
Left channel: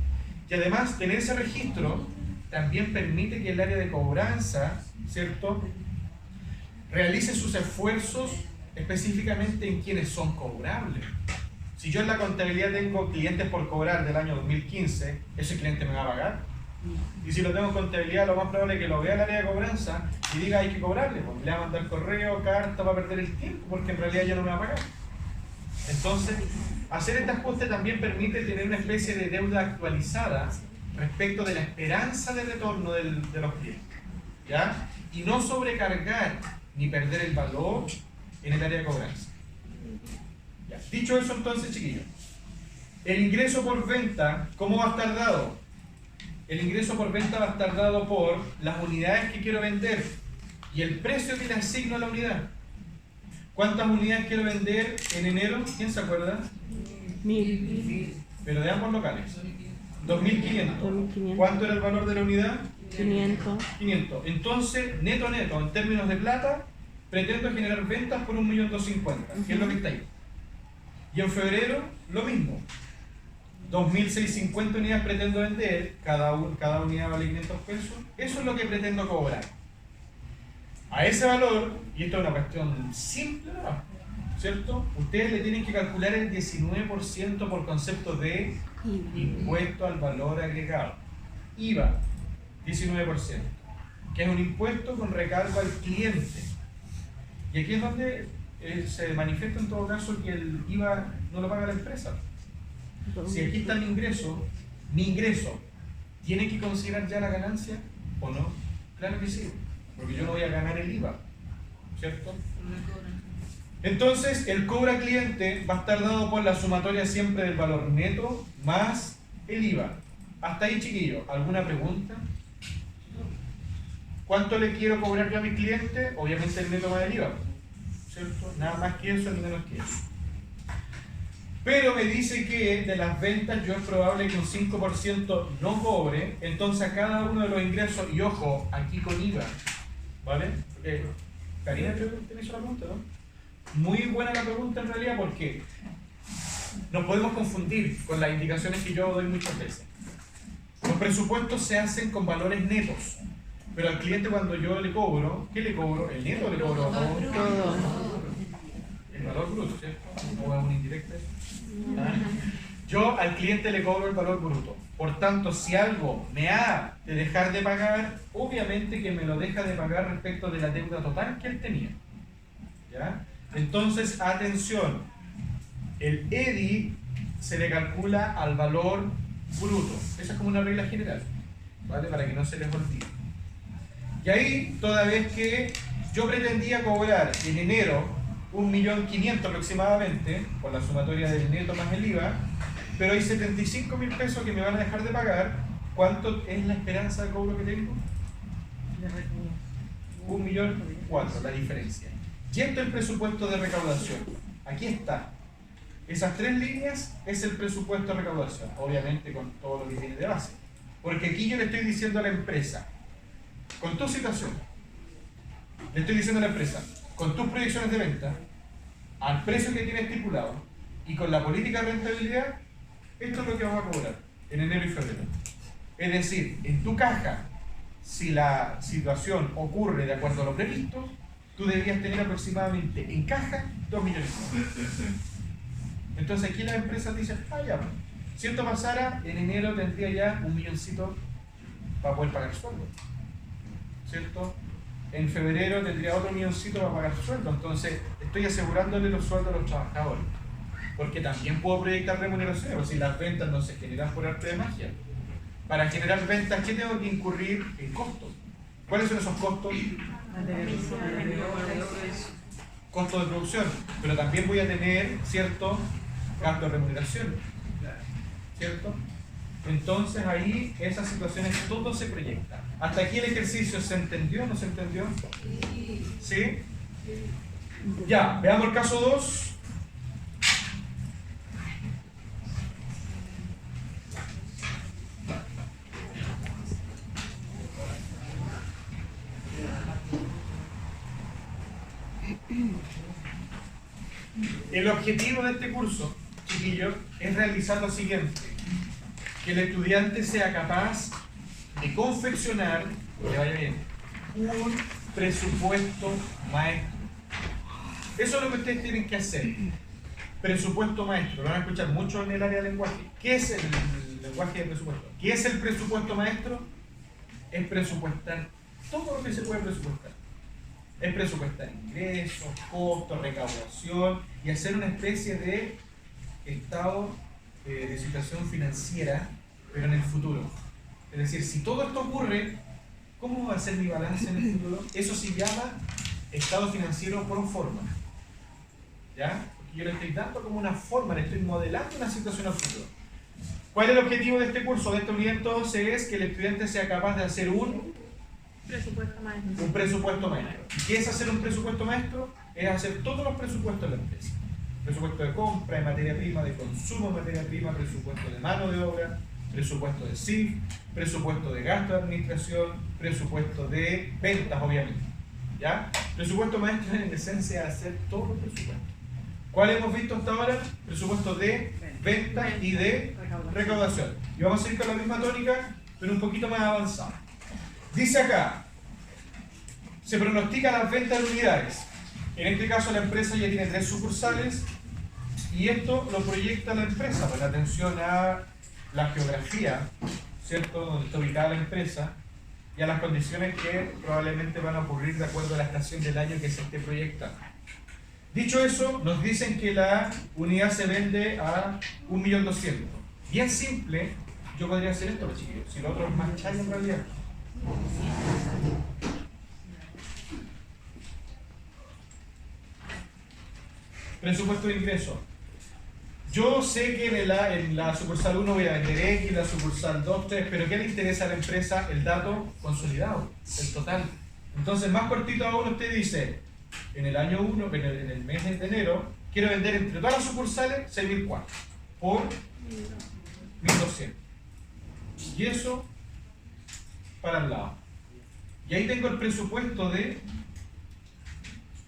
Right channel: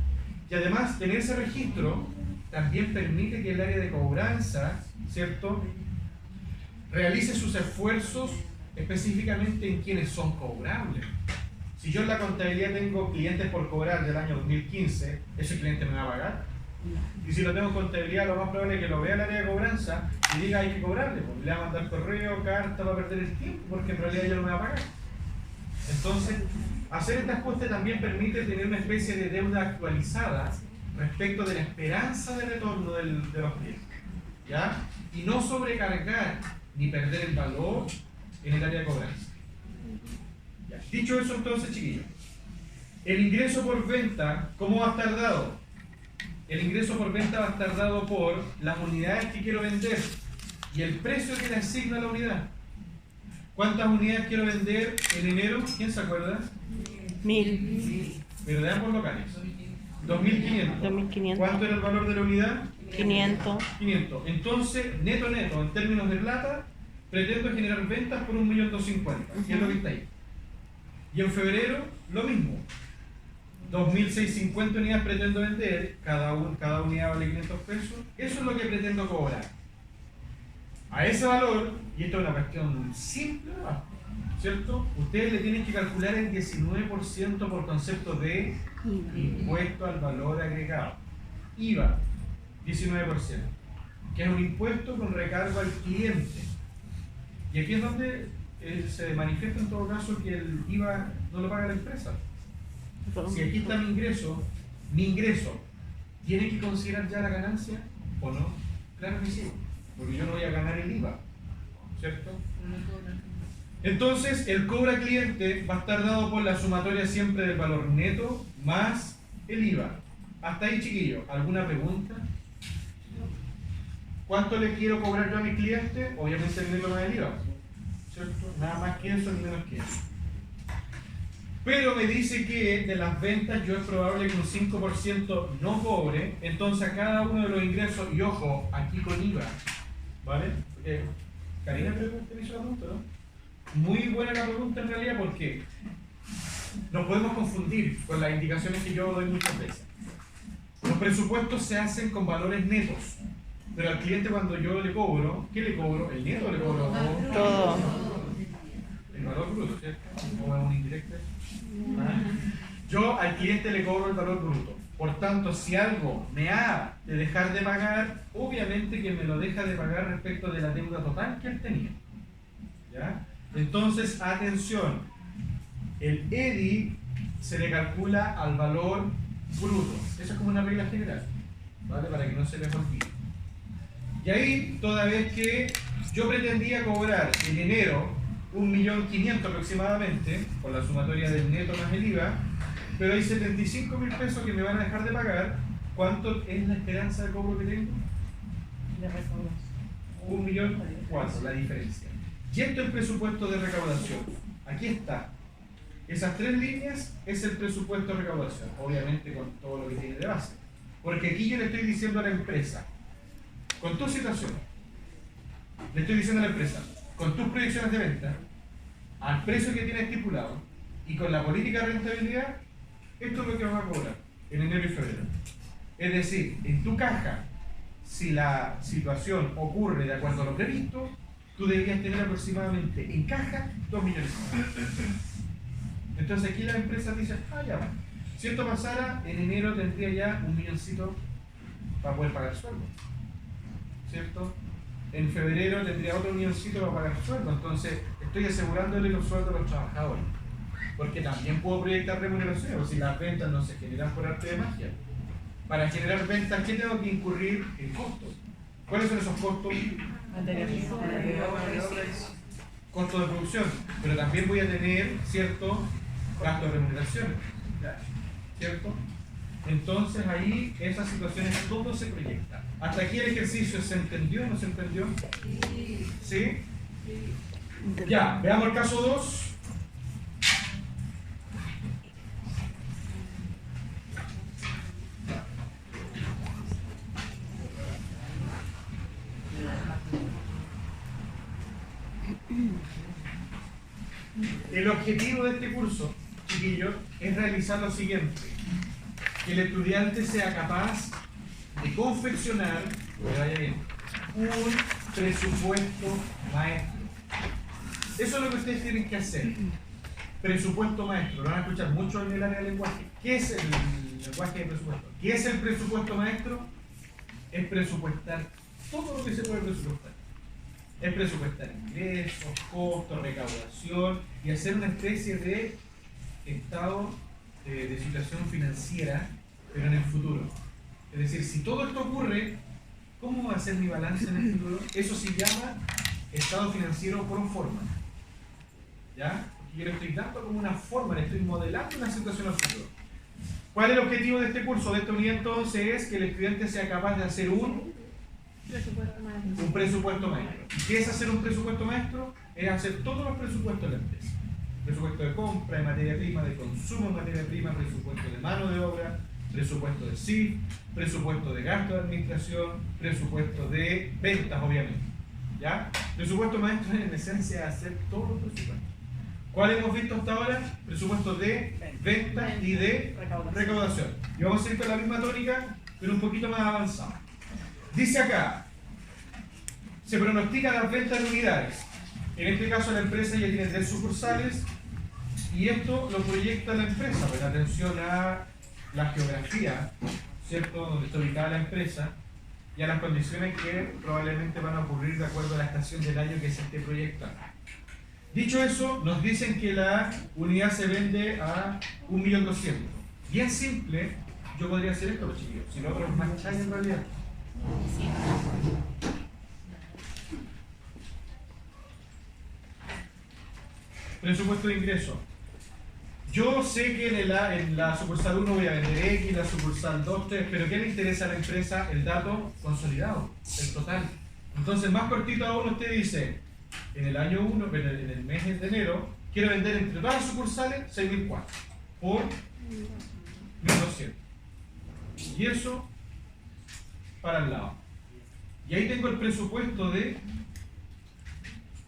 Y además, tener ese registro también permite que el área de cobranza, ¿cierto?, realice sus esfuerzos específicamente en quienes son cobrables. Si yo en la contabilidad tengo clientes por cobrar del año 2015, ¿ese cliente me va a pagar? Y si lo tengo en contabilidad, lo más probable es que lo vea el área de cobranza y diga hay que cobrarle, porque le va a mandar correo, carta, va a perder el tiempo, porque en realidad ya no me va a pagar. Entonces, hacer este ajuste también permite tener una especie de deuda actualizada respecto de la esperanza de retorno de los clientes, ¿ya? Y no sobrecargar ni perder el valor en el área de cobranza. ¿Ya? Dicho eso, entonces, chiquillos, el ingreso por venta, ¿cómo va a estar dado? El ingreso por venta va a estar dado por las unidades que quiero vender y el precio que le asigno a la unidad. ¿Cuántas unidades quiero vender en enero? ¿Quién se acuerda? 1000. Pero de ambos locales. 2.500. 2.500. ¿Cuánto era el valor de la unidad? 500. 500. Entonces, neto, en términos de plata, pretendo generar ventas por 1.250.000, que es lo que está ahí. Y en febrero, lo mismo. 2.650 unidades pretendo vender, cada unidad vale 500 pesos, eso es lo que pretendo cobrar. A ese valor, y esto es una cuestión simple, ¿cierto? Ustedes le tienen que calcular el 19% por concepto de impuesto al valor agregado. IVA, 19%, que es un impuesto con recargo al cliente. Y aquí es donde se manifiesta en todo caso que el IVA no lo paga la empresa. Si aquí está mi ingreso, ¿tiene que considerar ya la ganancia o no? Claro que sí, porque yo no voy a ganar el IVA, ¿cierto? Entonces, el cobro al cliente va a estar dado por la sumatoria siempre del valor neto más el IVA. Hasta ahí, chiquillos, ¿alguna pregunta? ¿Cuánto le quiero cobrar yo a mi cliente? Obviamente el neto más el IVA, ¿cierto? Nada más que eso ni menos que eso. Pero me dice que de las ventas yo es probable que un 5% no cobre, entonces a cada uno de los ingresos, y ojo, aquí con IVA, ¿vale? Karina te hizo la pregunta, ¿no? Muy buena la pregunta en realidad porque nos podemos confundir con las indicaciones que yo doy muchas veces. Los presupuestos se hacen con valores netos, pero al cliente cuando yo le cobro, ¿qué le cobro? ¿El neto o le cobro todo? El valor bruto, ¿cierto? ¿O es un indirecto? Yo al cliente le cobro el valor bruto. Por tanto, si algo me ha de dejar de pagar, obviamente que me lo deja de pagar respecto de la deuda total que él tenía. ¿Ya? Entonces, atención, el EDI se le calcula al valor bruto. Esa es como una regla general, ¿vale? Para que no se les olvide. Y ahí, toda vez que yo pretendía cobrar en enero 1.500.000 aproximadamente, por la sumatoria del neto más el IVA, pero hay 75.000 pesos que me van a dejar de pagar, ¿cuánto es la esperanza de cobro que tengo? 1.400.000, la diferencia. Y esto es el presupuesto de recaudación. Aquí está. Esas tres líneas es el presupuesto de recaudación, obviamente con todo lo que tiene de base. Porque aquí yo le estoy diciendo a la empresa, con tu situación, le estoy diciendo a la empresa, con tus proyecciones de venta, al precio que tiene estipulado y con la política de rentabilidad, esto es lo que vas a cobrar en enero y febrero. Es decir, en tu caja, si la situación ocurre de acuerdo a lo previsto, tú deberías tener aproximadamente en caja 2 millones. Entonces aquí las empresas dicen, ya va. Si esto pasara, en enero tendría ya 1 milloncito para poder pagar sueldo, ¿cierto? En febrero tendría otro milloncito para pagar sueldo, entonces estoy asegurándole los sueldos a los trabajadores, porque también puedo proyectar remuneración, si las ventas no se generan por arte de magia. Para generar ventas, ¿qué tengo que incurrir en costos? ¿Cuáles son esos costos? Costos de producción, pero también voy a tener cierto gasto de remuneración, ¿cierto? Entonces ahí esas situaciones todo se proyecta. ¿Hasta aquí el ejercicio se entendió o no se entendió? ¿Sí? Ya, veamos el caso 2. El objetivo de este curso, chiquillos, es realizar lo siguiente: que el estudiante sea capaz de confeccionar, que vaya bien, un presupuesto maestro. Eso es lo que ustedes tienen que hacer. Presupuesto maestro. Lo van a escuchar mucho en el área de lenguaje. ¿Qué es el lenguaje de presupuesto? ¿Qué es el presupuesto maestro? Es presupuestar todo lo que se puede presupuestar. Es presupuestar ingresos, costos, recaudación y hacer una especie de estado de situación financiera, pero en el futuro. Es decir, si todo esto ocurre, ¿cómo va a ser mi balance en el futuro? Eso se llama estado financiero pro forma. ¿Ya? Porque yo le estoy dando como una forma, le estoy modelando una situación al futuro. ¿Cuál es el objetivo de este curso? De estos orientos es que el estudiante sea capaz de hacer un presupuesto maestro. ¿Y qué es hacer un presupuesto maestro? Es hacer todos los presupuestos de la empresa. Presupuesto de compra, de materia prima, de consumo de materia prima, presupuesto de mano de obra, presupuesto de CIF, presupuesto de gasto de administración, presupuesto de ventas, obviamente. ¿Ya? Presupuesto maestro es en esencia hacer todos los presupuestos. ¿Cuál hemos visto hasta ahora? Presupuesto de ventas y de recaudación. Y vamos a ir con la misma tónica, pero un poquito más avanzada. Dice acá, se pronostican las ventas de unidades. En este caso la empresa ya tiene 3 sucursales y esto lo proyecta la empresa, pues atención a la geografía, ¿cierto?, donde está ubicada la empresa y a las condiciones que probablemente van a ocurrir de acuerdo a la estación del año que se esté proyectando. Dicho eso, nos dicen que la unidad se vende a 1.200.000. Bien simple, yo podría hacer esto, chiquillos, si lo otro es más chay en realidad. Presupuesto de ingreso. Yo sé que en la sucursal 1 voy a vender X, la sucursal 2, 3, pero ¿qué le interesa a la empresa? El dato consolidado, el total. Entonces, más cortito aún, usted dice, en el año 1, en el mes de enero, quiero vender entre todas las sucursales 6.400 por 1.200. Y eso para el lado. Y ahí tengo el presupuesto de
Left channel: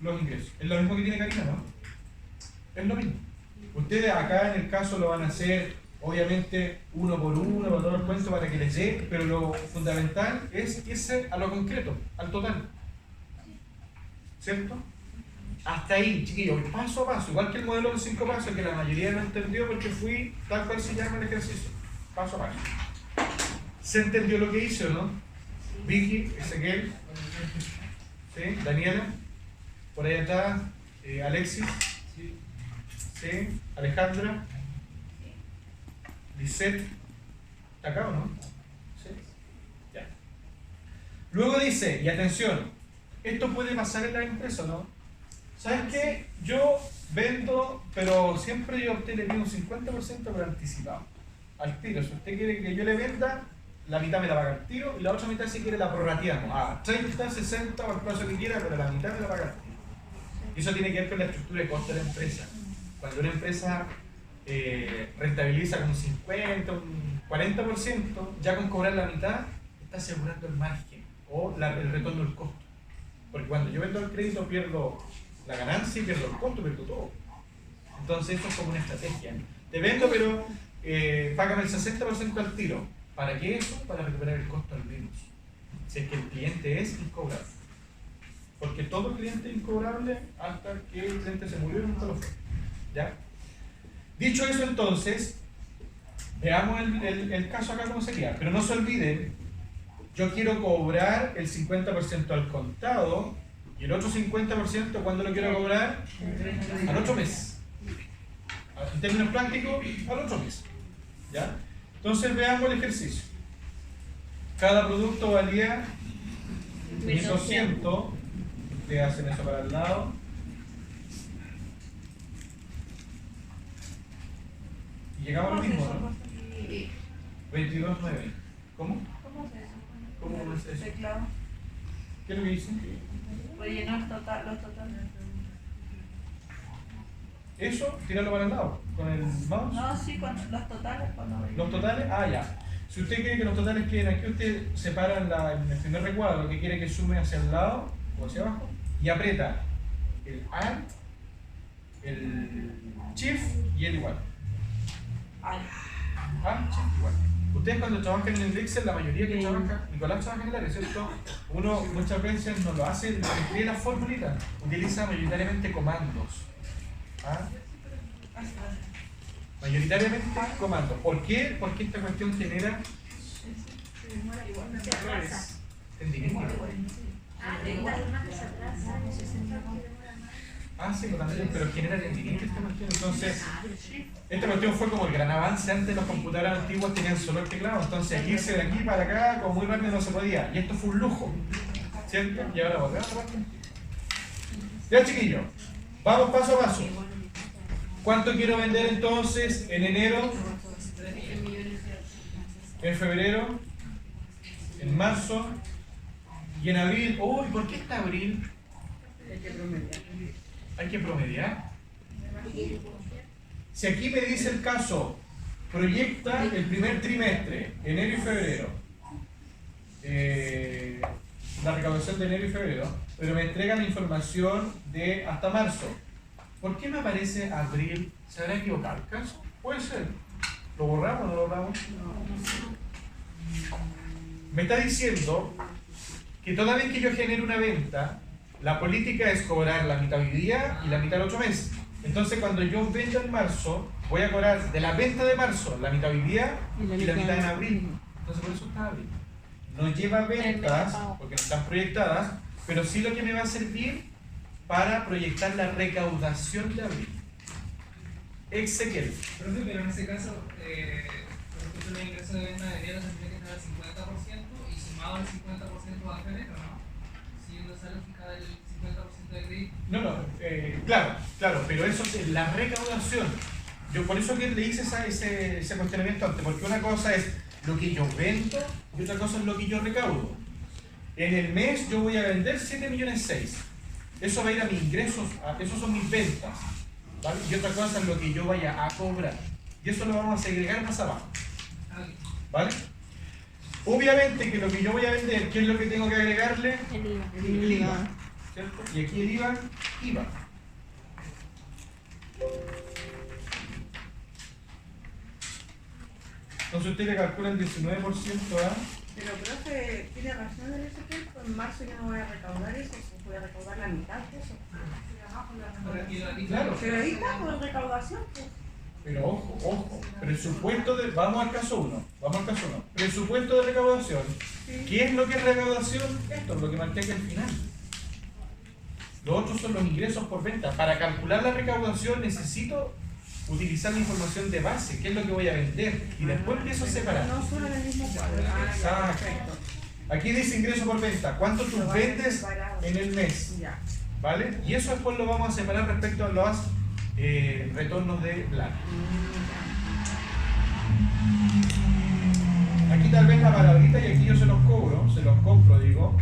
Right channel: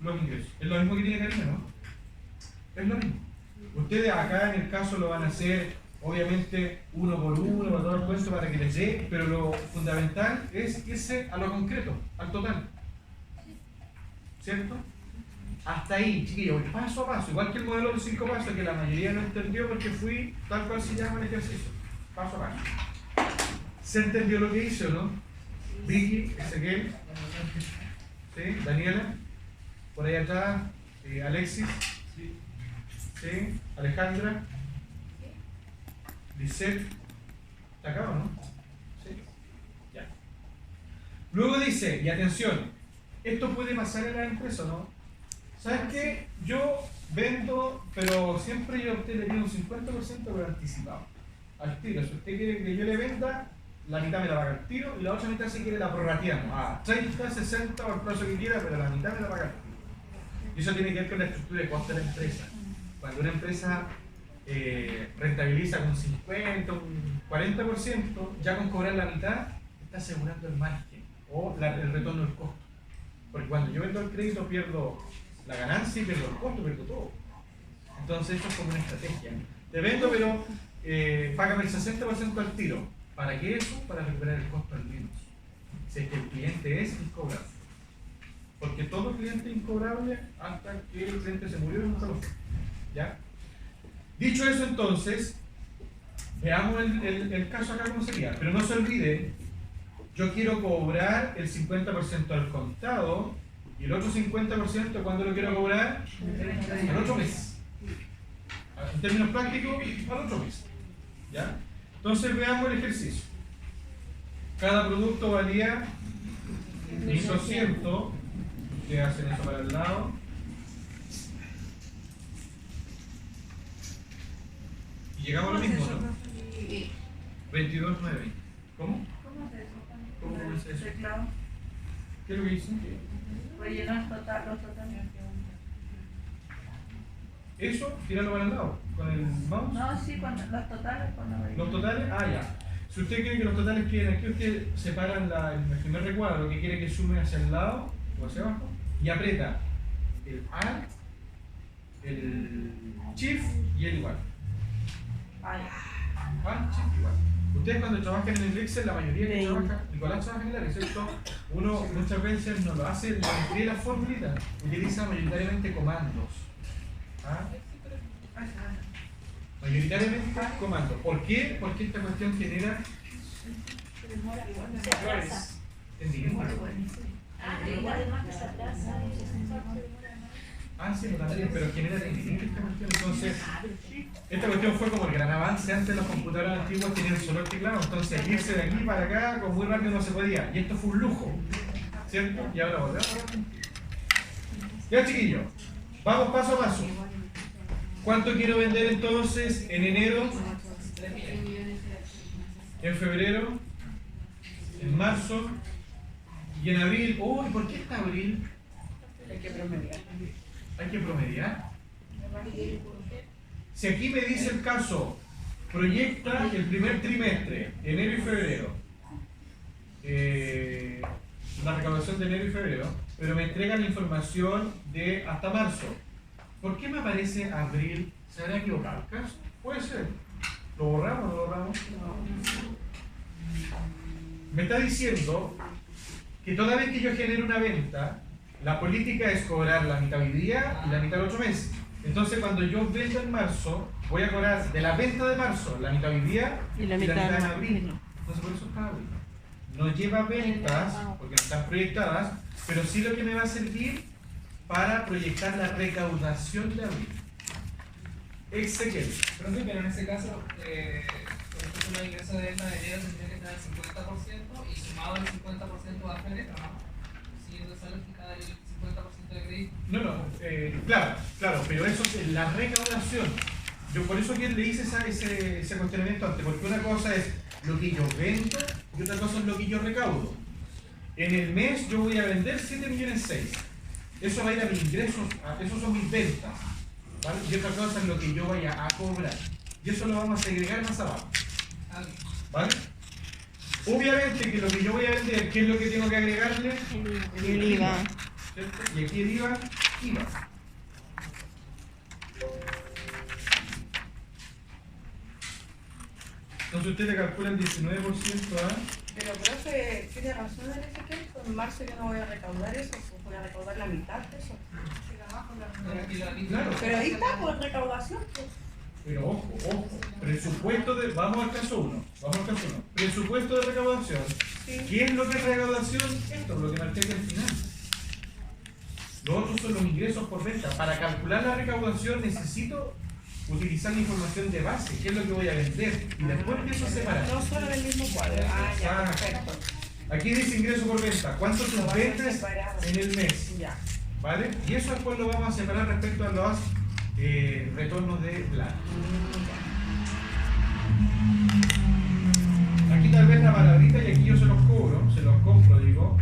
los ingresos. Es lo mismo que tiene Karina, ¿no? Es lo mismo. Ustedes acá en el caso lo van a hacer, obviamente, uno por uno, para todo el cuento, para que les dé, pero lo fundamental es irse a lo concreto, al total. ¿Cierto? Hasta ahí, chiquillos, paso a paso, igual que el modelo de los 5 pasos, que la mayoría no entendió porque fui tal cual se llama el ejercicio. Paso a paso. ¿Se entendió lo que hice o no? Vicky, Ezequiel, ¿sí? Daniela, por ahí atrás, Alexis, ¿sí? Alejandra, Lisette, ¿está acá o no? ¿Sí? Ya. Luego dice, y atención, esto puede pasar en la empresa, ¿no? ¿Sabes qué? Yo vendo, pero siempre yo a usted le pido un 50% por anticipado, al tiro. Si usted quiere que yo le venda, la mitad me la paga al tiro y la otra mitad si quiere la prorrateamos a 30, 60 o el plazo que quiera, pero la mitad me la paga al tiro. Y eso tiene que ver con la estructura de costo de la empresa. Cuando una empresa rentabiliza un 50, un 40%, ya con cobrar la mitad, está asegurando el margen o el retorno del costo. Porque cuando yo vendo el crédito pierdo la ganancia y pierdo el costo, pierdo todo. Entonces eso es como una estrategia. Te vendo pero págame el 60% al tiro. ¿Para qué eso? Para recuperar el costo al menos. Si es que el cliente es incobrable. Porque todo cliente es incobrable hasta que el cliente se murió y nunca lo fue. ¿Ya? Dicho eso entonces, veamos el caso acá cómo sería. Pero no se olviden, yo quiero cobrar el 50% al contado y el otro 50% ¿cuándo lo quiero cobrar? Al otro mes. En términos prácticos, al otro mes. ¿Ya? Entonces veamos el ejercicio. Cada producto valía 1.200. Ustedes hacen eso para el lado. Y llegamos a lo mismo, ¿no? 22.9. ¿Cómo? ¿Cómo es eso? ¿Qué es lo que dicen? Rellenar los totales. Eso, tirarlo para el lado. ¿Con el mouse? No, sí, con los totales. ¿Los totales? Ah, ya. Si usted quiere que los totales queden aquí, usted separa en el primer recuadro que quiere que sume hacia el lado o hacia abajo y aprieta el and, el chief y el igual. And, chief, igual. Ustedes cuando trabajan en el Excel, la mayoría que trabaja, Nicolás trabaja en el área, ¿cierto? Uno muchas veces no lo hace, no escribe las formulitas, utiliza mayoritariamente comandos. ¿Ah? Mayoritariamente comandos. ¿Por qué? Porque esta cuestión genera errores. ¿Entendí? Ah, sí, pero genera tendinitis esta cuestión. Entonces, esta cuestión fue como el gran avance. Antes los computadores antiguos tenían solo el teclado, entonces irse de aquí para acá como muy rápido no se podía. Y esto fue un lujo, ¿cierto? Y ahora volver. Ya, chiquillos, vamos paso a paso. ¿Cuánto quiero vender entonces en enero? En febrero, en marzo y en abril. Uy, ¿por qué está abril? Hay que promediar. Hay que promediar. Si aquí me dice el caso, proyecta el primer trimestre, enero y febrero, la recaudación de enero y febrero, pero me entregan la información de hasta marzo. ¿Por qué me aparece abril? ¿Se habrá equivocado el caso? Puede ser. ¿Lo borramos o no lo borramos? Me está diciendo que toda vez que yo genere una venta, la política es cobrar la mitad hoy día y la mitad el 8 meses. Entonces, cuando yo vendo en marzo, voy a cobrar de la venta de marzo la mitad hoy día y la mitad en abril. Entonces, por eso está abril. No lleva ventas, porque no están proyectadas, pero sí lo que me va a servir para proyectar la recaudación de abril. Ezequiel. Pero en ese caso, por ejemplo, el ingreso de venta de enero tendría que estar al 50% y sumado el 50% a febrero, ¿no? Siguiendo esa lógica del 50% de crédito. Claro, pero eso es la recaudación. Yo por eso que le hice ese cuestionamiento antes, porque una cosa es lo que yo vendo y otra cosa es lo que yo recaudo. En el mes yo voy a vender 7,6 millones. Eso va a ir a mis ingresos, esos son mis ventas, ¿vale? Y otra cosa es lo que yo vaya a cobrar. Y eso lo vamos a segregar más abajo, ¿vale? Obviamente que lo que yo voy a vender, ¿qué es lo que tengo que agregarle? El IVA. ¿Cierto? Y aquí el IVA. Entonces usted le calcula el 19% a... Pero profe, tiene razón el Ezequiel, pues en marzo yo no voy a recaudar eso, voy a recaudar la mitad de eso. Claro. Pero ahí está, pues recaudación. Pues. Pero ojo, presupuesto de... Vamos al caso 1. Presupuesto de recaudación. Sí. ¿Qué es lo que es recaudación? Esto, lo que marqué aquí al final. Los otros son los ingresos por venta. Para calcular la recaudación necesito utilizar la información de base, qué es lo que voy a vender, y después empiezo a separar. No solo en el mismo cuadro. Ah, ya, perfecto. Aquí dice ingreso por venta. ¿Cuánto tú vendes en el mes? Ya. ¿Vale? Y eso después lo vamos a separar respecto a los retornos de plata. Aquí tal vez la palabrita, y aquí yo se los compro, digo.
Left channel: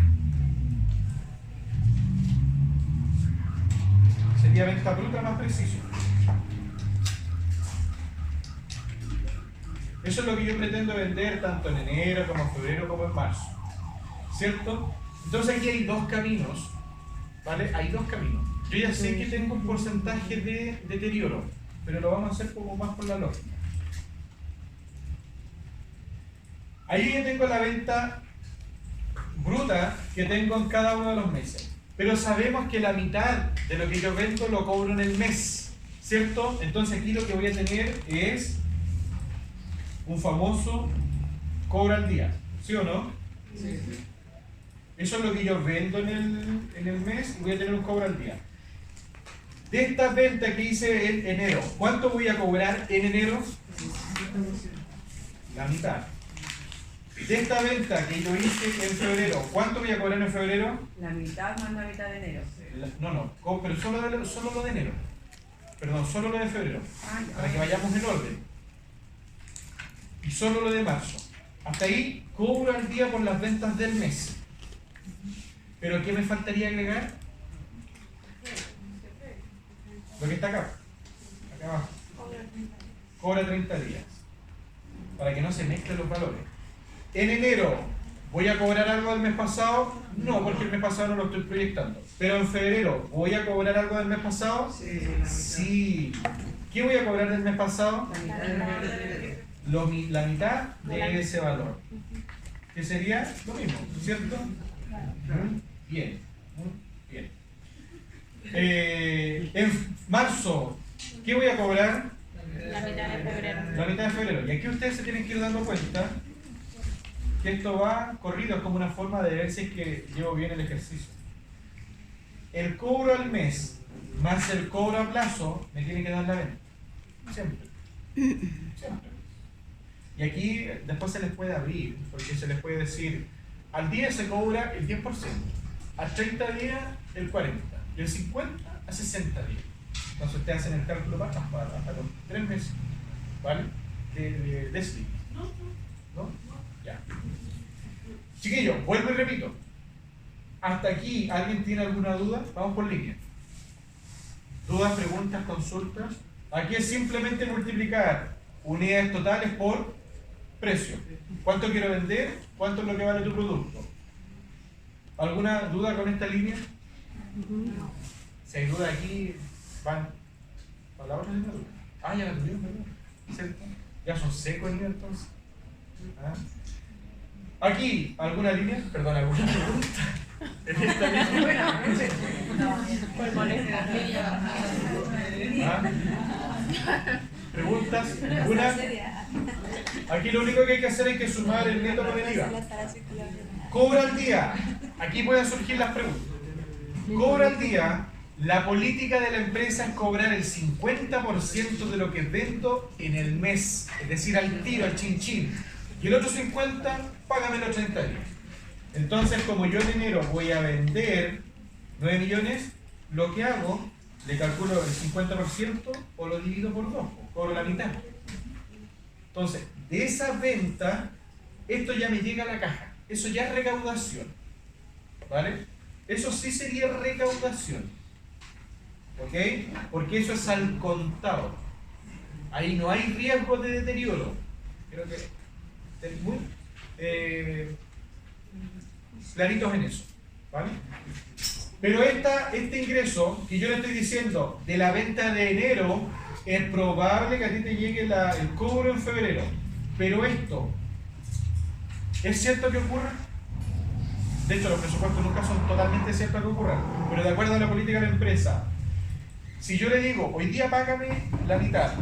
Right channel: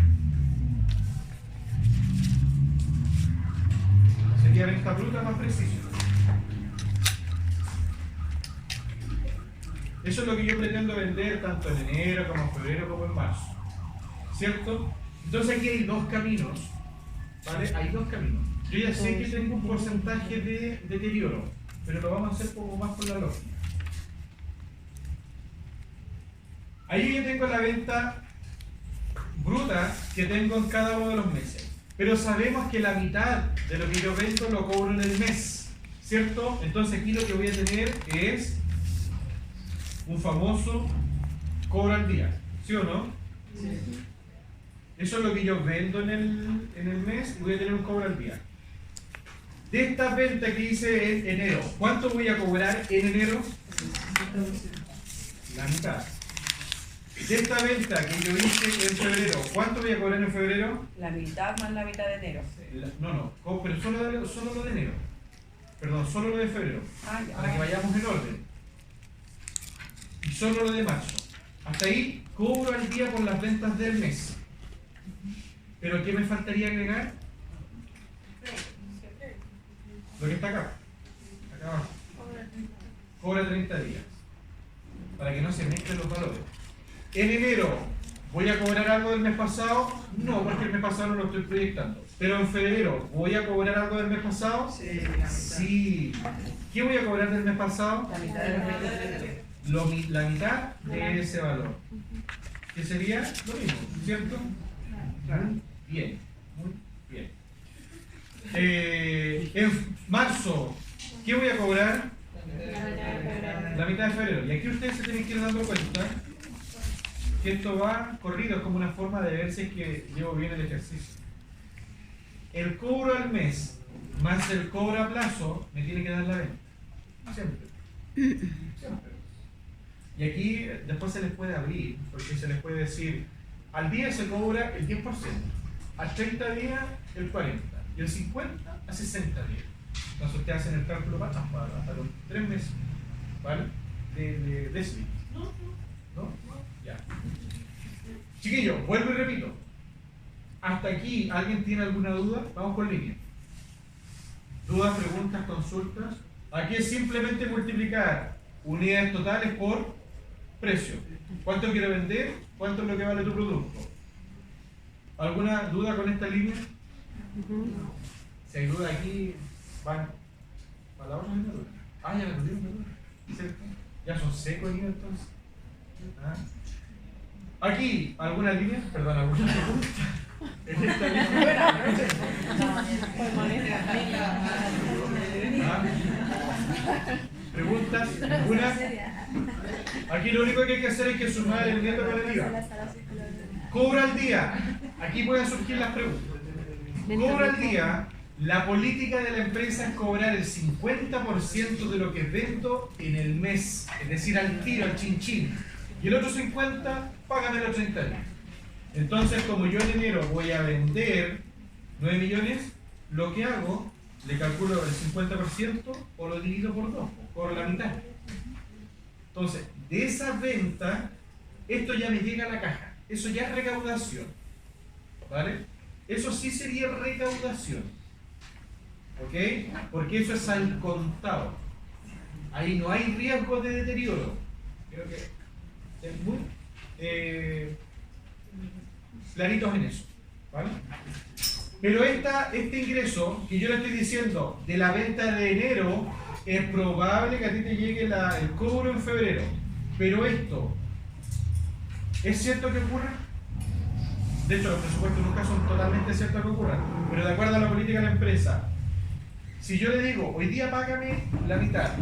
Sería venta bruta más preciso. Eso es lo que yo pretendo vender tanto en enero como en febrero como en marzo. ¿Cierto? Entonces aquí hay dos caminos. ¿Vale? Hay dos caminos. Yo ya sé que tengo un porcentaje de deterioro, pero lo vamos a hacer poco más por la lógica. Ahí yo tengo la venta bruta que tengo en cada uno de los meses. Pero sabemos que la mitad de lo que yo vendo lo cobro en el mes. ¿Cierto? Entonces aquí lo que voy a tener es un famoso cobro al día. ¿Sí o no? Sí. Eso es lo que yo vendo en el mes y voy a tener un cobro al día. De esta venta que hice en enero, ¿cuánto voy a cobrar en enero? La mitad. De esta venta que yo hice en febrero, ¿cuánto voy a cobrar en febrero? La mitad más la mitad de enero. Pero solo lo de enero. Perdón, solo lo de febrero. Ah, ya. Para que vayamos en orden. Y solo lo de marzo. Hasta ahí cobro al día por las ventas del mes. ¿Pero qué me faltaría agregar? Lo que está acá. Acá abajo. Cobra 30 días. Para que no se mezclen los valores. En enero ¿Voy a cobrar algo del mes pasado? No, porque el mes pasado no lo estoy proyectando. Pero en febrero, ¿voy a cobrar algo del mes pasado? Sí. ¿Qué voy a cobrar del mes pasado? La mitad de ese valor. Que sería lo mismo, ¿cierto? Muy bien, muy bien. En marzo, ¿qué voy a cobrar? La mitad de febrero. Y aquí ustedes se tienen que ir dando cuenta que esto va corrido, es como una forma de ver si es que llevo bien el ejercicio. El cobro al mes más el cobro a plazo me tiene que dar la venta. Siempre. Siempre. Y aquí después se les puede abrir, porque se les puede decir, al día se cobra el 10%, a 30 días el 40%, y el 50% a 60 días. Entonces ustedes hacen el cálculo para los 3 meses, ¿vale? De slip. ¿No? Ya. Chiquillos, vuelvo y repito. Hasta aquí, ¿alguien tiene alguna duda? Vamos por línea. ¿Dudas, preguntas, consultas? Aquí es simplemente multiplicar unidades totales por precio. ¿Cuánto quiero vender? ¿Cuánto es lo que vale tu producto? ¿Alguna duda con esta línea? Si hay duda aquí, van a la otra línea. Ah, ya la tuvieron, perdón. ¿Cierto? Ya son secos en entonces. ¿Ah? Aquí, ¿alguna línea? Perdón, ¿alguna pregunta? En esta línea. ¿Ah? ¿Preguntas? ¿Ninguna? Aquí lo único que hay que hacer es que sumar el neto con el IVA. Cobra al día. Aquí pueden surgir las preguntas. Cobra al día. La política de la empresa es cobrar el 50% de lo que vendo en el mes. Es decir, al tiro, al chin. Y el otro 50%, págame los 30 días. Entonces, como yo en enero voy a vender 9 millones, lo que hago, le calculo el 50% o lo divido por 2, cobro la mitad. Entonces, de esa venta, esto ya me llega a la caja. Eso ya es recaudación. ¿Vale? Eso sí sería recaudación. ¿Ok? Porque eso es al contado. Ahí no hay riesgo de deterioro. Creo que es muy claritos en eso. ¿Vale? Pero este ingreso que yo le estoy diciendo de la venta de enero, es probable que a ti te llegue el cobro en febrero. Pero esto, ¿es cierto que ocurre? De hecho, los presupuestos nunca son totalmente ciertos que ocurran. Pero de acuerdo a la política de la empresa, si yo le digo, hoy día págame la mitad,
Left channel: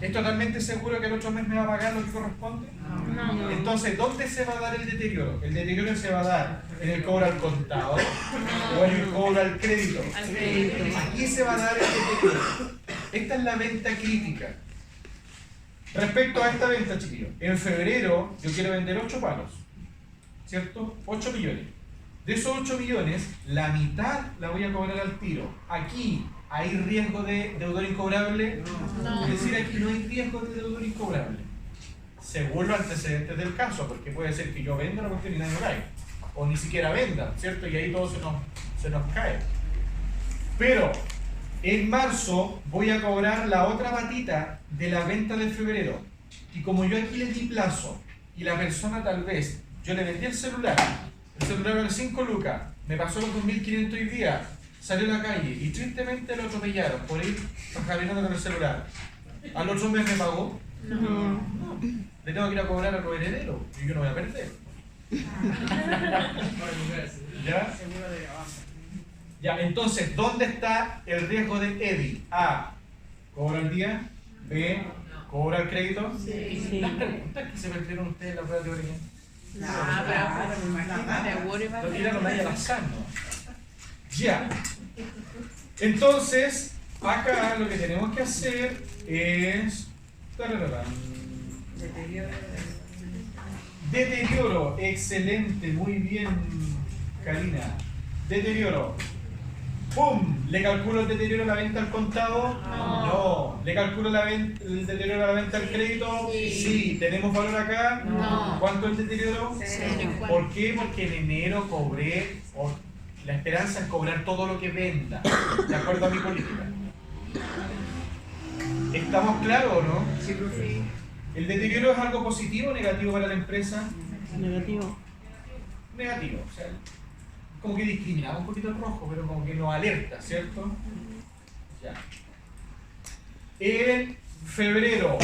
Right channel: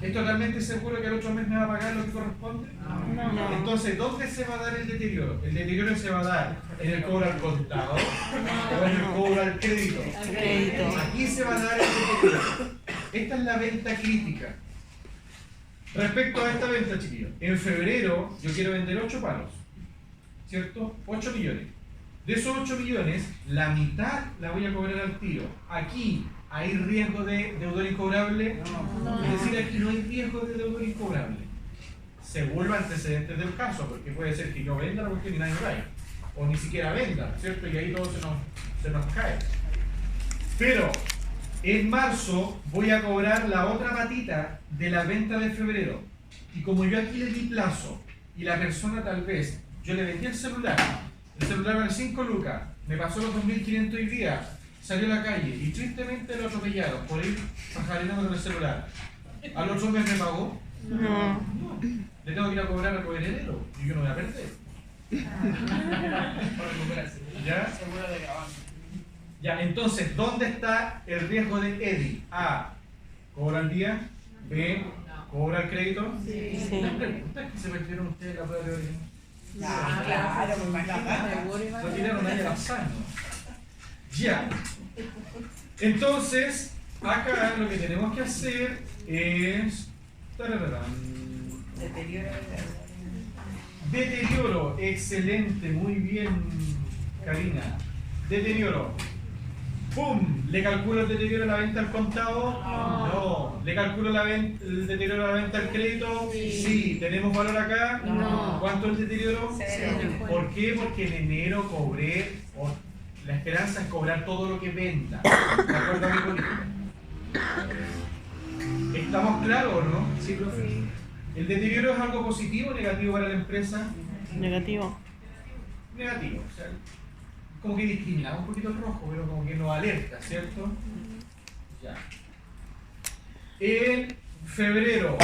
¿es totalmente seguro que el otro mes me va a pagar lo que corresponde? No. Entonces, ¿dónde se va a dar el deterioro? El deterioro se va a dar en el cobro al contado o en el cobro al crédito. Aquí se va a dar el deterioro. Esta es la venta crítica. Respecto a esta venta, chiquillos, en febrero yo quiero vender 8 palos, ¿cierto? 8 millones. De esos 8 millones, la mitad la voy a cobrar al tiro. Aquí, ¿hay riesgo de deudor incobrable? No. Es decir, aquí no hay riesgo de deudor incobrable. Según los antecedentes del caso, porque puede ser que yo venda la cuestión y nadie caiga. O ni siquiera venda, ¿cierto? Y ahí todo se nos cae. Pero, en marzo voy a cobrar la otra patita de la venta de febrero. Y como yo aquí le di plazo, y la persona tal vez, yo le vendí el celular vale 5 lucas, me pasó los 2.500 hoy día, salió a la calle y tristemente lo atropellaron por ir jaleando con el celular. Al otro mes me pagó. No. Le tengo que ir a cobrar a los herederos y yo no voy a perder. ¿Ya? Ya, entonces, ¿dónde está el riesgo de EDI? A, cobra al día. B, cobra el crédito. Sí. Las preguntas que se perdieron ustedes en la prueba teórica. Claro, me imagino. Lo tiraron ahí al azar, ¿no? Ya. Entonces, acá lo que tenemos que hacer es... Deterioro, excelente, muy bien, Karina. Deterioro. ¡Pum! ¿Le calculo el deterioro de la venta al contado? No. ¿Le calculo el deterioro de la venta al crédito? Sí. ¿Tenemos valor acá? No. ¿Cuánto es el deterioro? 0. ¿Por qué? Porque en enero cobré, la esperanza es cobrar todo lo que venda, de acuerdo a mi política. ¿Estamos claros o no? Sí, profe. ¿El deterioro es algo positivo o negativo para la empresa? Negativo. negativo. O sea, como que discriminaba un poquito el rojo, pero como que nos alerta, ¿cierto? Ya. En febrero,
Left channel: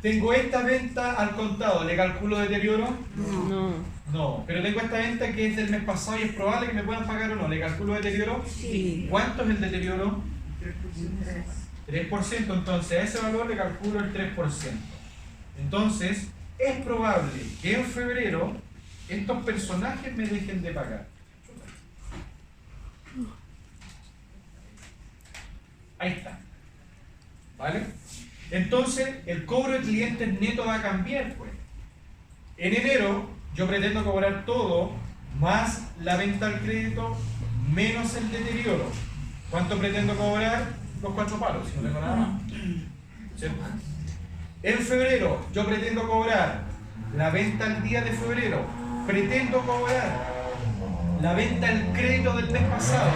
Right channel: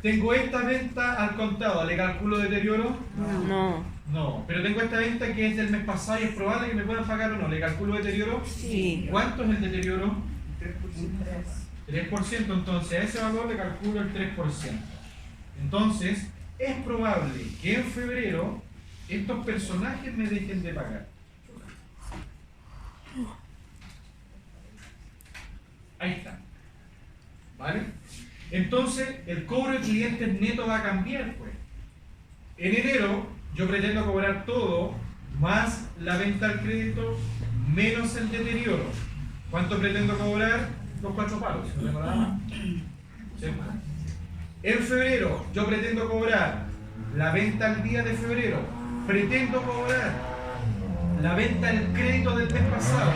tengo esta venta al contado, ¿le calculo deterioro? No. No, pero tengo esta venta que es del mes pasado y es probable que me puedan pagar o no, ¿le calculo deterioro? Sí. ¿Cuánto es el deterioro? 3%, entonces a ese valor le calculo el 3%. Entonces, es probable que en febrero estos personajes me dejen de pagar. Ahí está. ¿Vale? Entonces, el cobro de clientes neto va a cambiar, pues. En enero, yo pretendo cobrar todo, más la venta al crédito, menos el deterioro. ¿Cuánto pretendo cobrar? Los 4 palos, si no tengo nada más. ¿Sí? En febrero, yo pretendo cobrar la venta al día de febrero, pretendo cobrar la venta al crédito del mes pasado,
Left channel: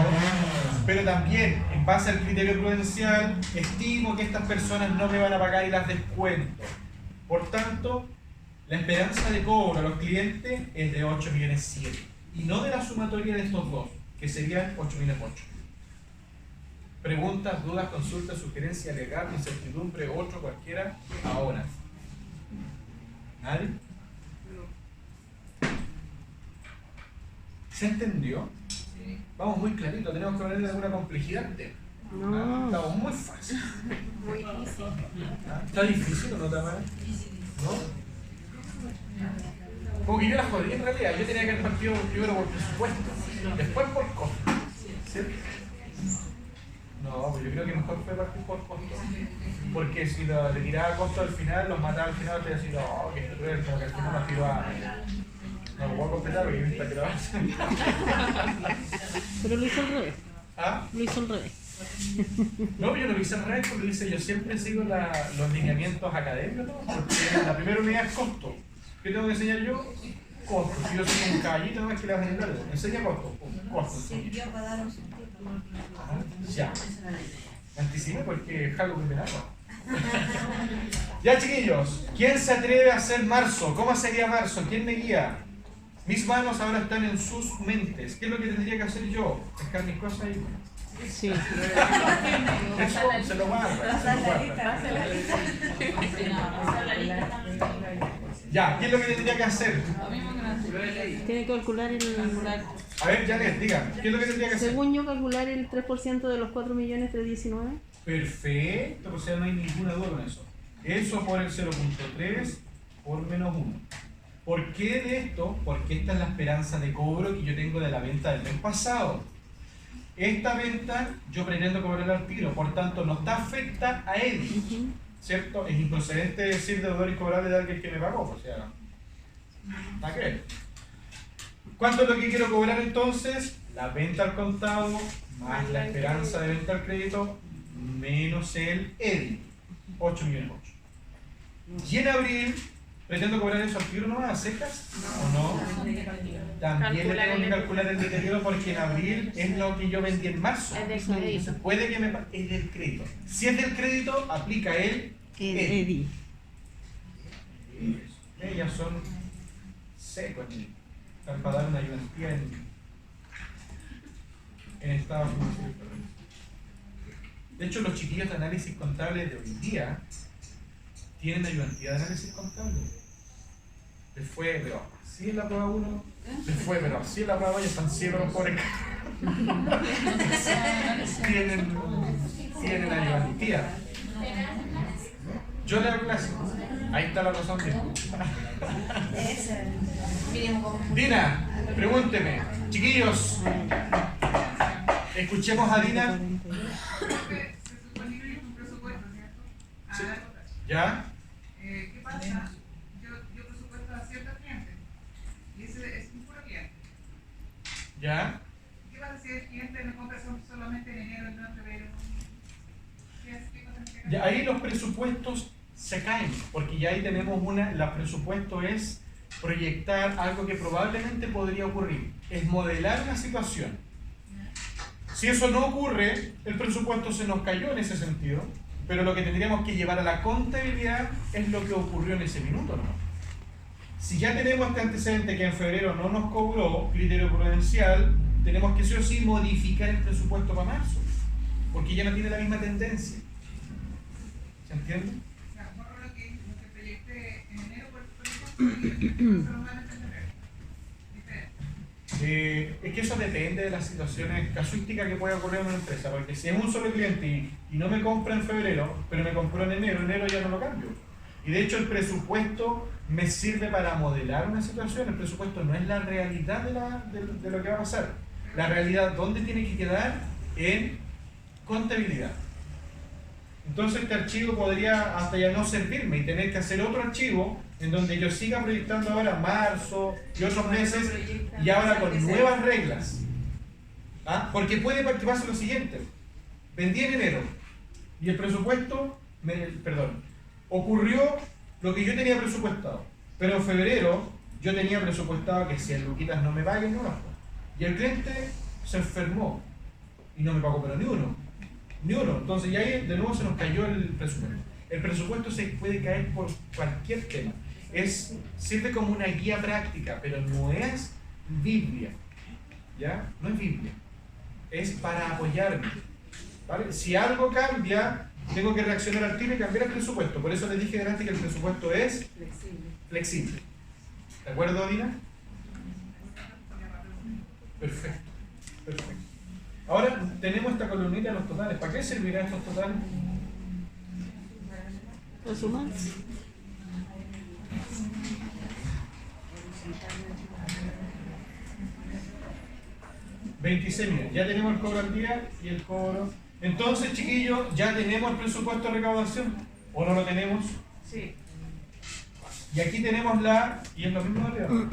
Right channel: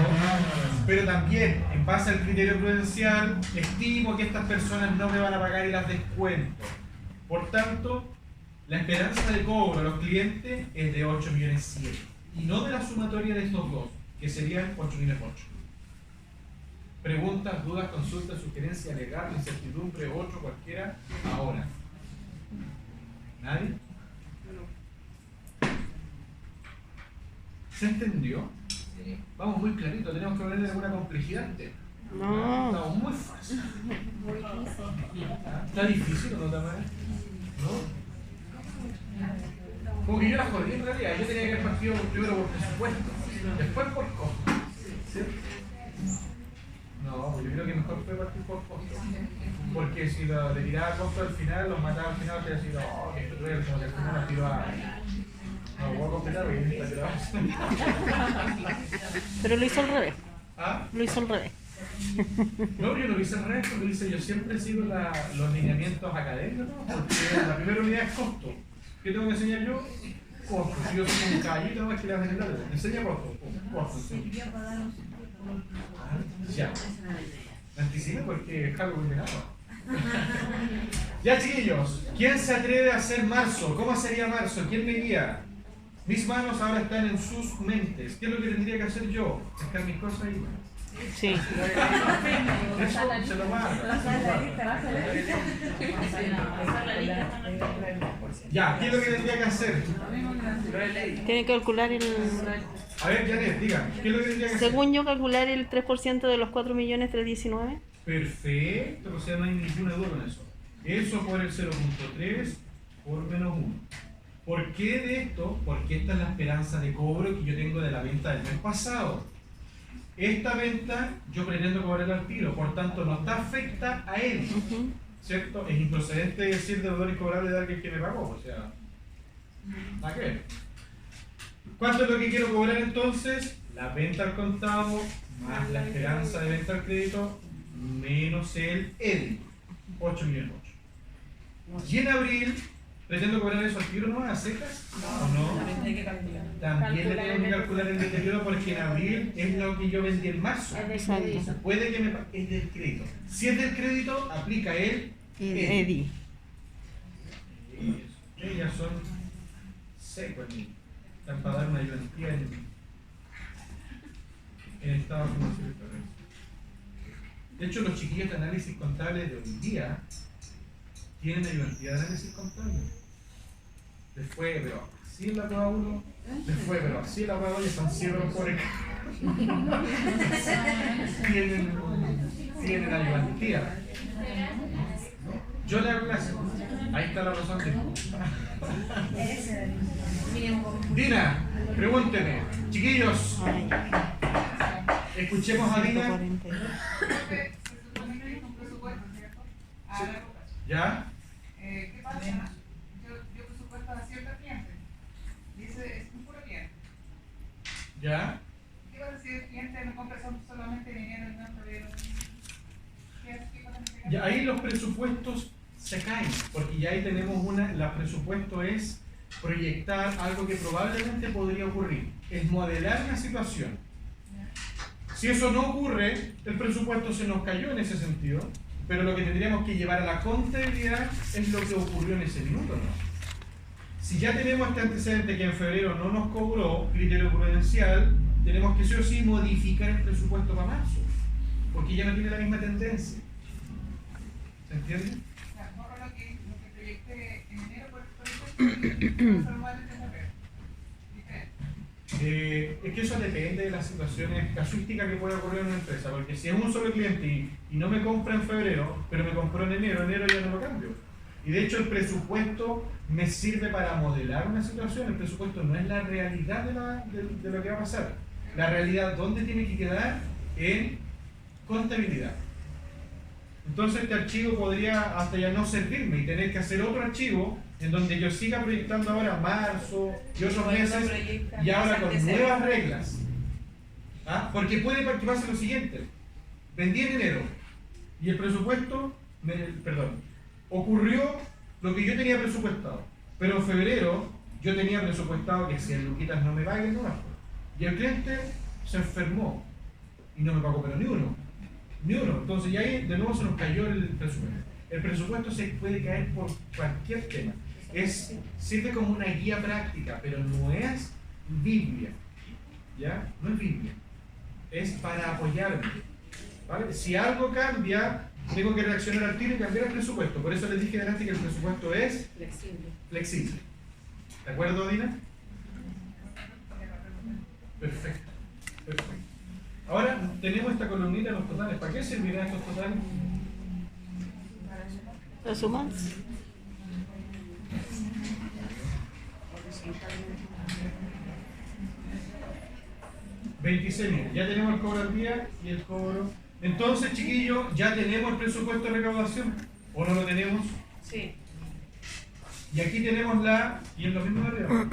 pero también, en base al criterio prudencial, estimo que estas personas no me van a pagar y las descuento. Por tanto, la esperanza de cobro a los clientes es de 8.7 millones, y no de la sumatoria de estos dos, que serían 8.8 millones. Preguntas, dudas, consultas, sugerencias, legal, incertidumbre, 8, cualquiera, ahora. ¿Nadie? ¿Se entendió? Sí. Vamos muy clarito, tenemos que hablar de alguna complejidad. No. Estamos muy fácil. Muy difícil. ¿Está difícil o no, Tamara? ¿No? Como que yo la jodí en realidad, yo tenía que haber partido primero por presupuesto, después por costo. ¿Cierto? No, pues yo creo que mejor fue partir por costo. Porque si le tiraba costo al final, los mataba al final, te decía, oh, que tú eres como que tú no tiró a... No lo puedo completar porque yo tiró a... Pero lo hizo al revés. ¿Ah? Lo hizo al revés. No, yo no lo hice al revés, lo hice, yo siempre sigo los lineamientos académicos, porque la primera unidad es costo. ¿Qué tengo que enseñar yo? Costo. Si yo soy un caballito más que la vas a enseñar, enseña costo. Costo. Ya. Me anticipé porque es algo que Ya, chiquillos, ¿quién se atreve a hacer marzo? ¿Cómo sería marzo? ¿Quién me guía? Mis manos ahora están en sus mentes. ¿Qué es lo que tendría que hacer yo? Dejar mis cosas ahí. Sí. Eso se lo guarda. Ya, ¿qué es lo que tendría que hacer? Tiene que calcular el... A ver, Janet, diga, ¿qué es lo que tendría que hacer? Según yo, calcular el 3% de los 4.319.000. Perfecto, o sea, no hay ninguna duda con eso. Eso por el 0.3 por menos 1. ¿Por qué de esto? Porque esta es la esperanza de cobro que yo tengo de la venta del mes pasado. Esta venta yo pretendo cobrar al tiro, por tanto no te afecta a él, ¿cierto? Es improcedente decir deudor incobrable de alguien que me pagó, o sea, ¿a qué? ¿Cuánto es lo que quiero cobrar entonces? La venta al contado más la esperanza de venta al crédito menos el EDI, 8 millones 8. Y en abril, ¿pretendo cobrar eso al tiro nomás, a secas? No. También le tengo que calcular el deterioro porque en abril es lo que yo vendí en marzo. Entonces puede que me es del crédito. Si es del crédito, aplica el EDI. Ellas son secos, están para dar una garantía en Estados Unidos. De hecho, los chiquillos de análisis contable de hoy día tienen ayudantía de análisis contable. Les fue, pero así en la prueba 1, les fue, pero así en la prueba 2, y están ciegos por el tienen ayudantía. Yo le hago clase. Ahí está la razón de... Dina, pregúnteme. Chiquillos, escuchemos a Dina. ¿Ya? ¿Qué pasa? Yo presupuesto a ciertos clientes. Dice, es un puro cliente. ¿Ya? ¿Qué pasa si el cliente me compra solamente en enero, en febrero? ¿Qué pasa? Ya, ahí los presupuestos se caen, porque ya ahí tenemos el presupuesto es proyectar algo que probablemente podría ocurrir, es modelar la situación. Si eso no ocurre, el presupuesto se nos cayó en ese sentido, pero lo que tendríamos que llevar a la contabilidad es lo que ocurrió en ese minuto, ¿no? Si ya tenemos este antecedente que en febrero no nos cobró criterio prudencial, tenemos que sí o sí modificar el presupuesto para marzo, porque ya no tiene la misma tendencia. ¿Se entiende? O sea, borro lo que proyecté en enero, por ejemplo, solo vale en febrero. Diferente. Es que eso depende de las situaciones casuísticas que puede ocurrir en una empresa, porque si es un solo cliente y no me compra en febrero, pero me compró en enero ya no lo cambio. Y de hecho el presupuesto me sirve para modelar una situación. El presupuesto no es la realidad de lo que va a pasar. La realidad, ¿dónde tiene que quedar? En contabilidad. Entonces este archivo podría hasta ya no servirme y tener que hacer otro archivo en donde yo siga proyectando ahora marzo y otros meses y ahora con nuevas reglas. ¿Ah? Porque puede participarse lo siguiente: vendí en enero y el presupuesto, ocurrió lo que yo tenía presupuestado, pero en febrero yo tenía presupuestado que si el Luquitas no me paguen, no las pago. Y el cliente se enfermó y no me pagó, pero ni uno. Entonces, ya ahí de nuevo se nos cayó el presupuesto. El presupuesto se puede caer por cualquier tema. Sirve como una guía práctica, pero no es Biblia. ¿Ya? No es Biblia. Es para apoyarme. ¿Vale? Si algo cambia, tengo que reaccionar al tiro y cambiar el presupuesto. Por eso les dije delante que el presupuesto es flexible. ¿De acuerdo, Dina? Perfecto. Ahora tenemos esta columnita de los totales. ¿Para qué servirán estos totales? ¿Lo sumas? $26.000. Ya tenemos el cobro al día y el cobro. Entonces, chiquillos, ya tenemos el presupuesto de recaudación. ¿O no lo tenemos? Sí. Y aquí tenemos y es lo mismo de arriba.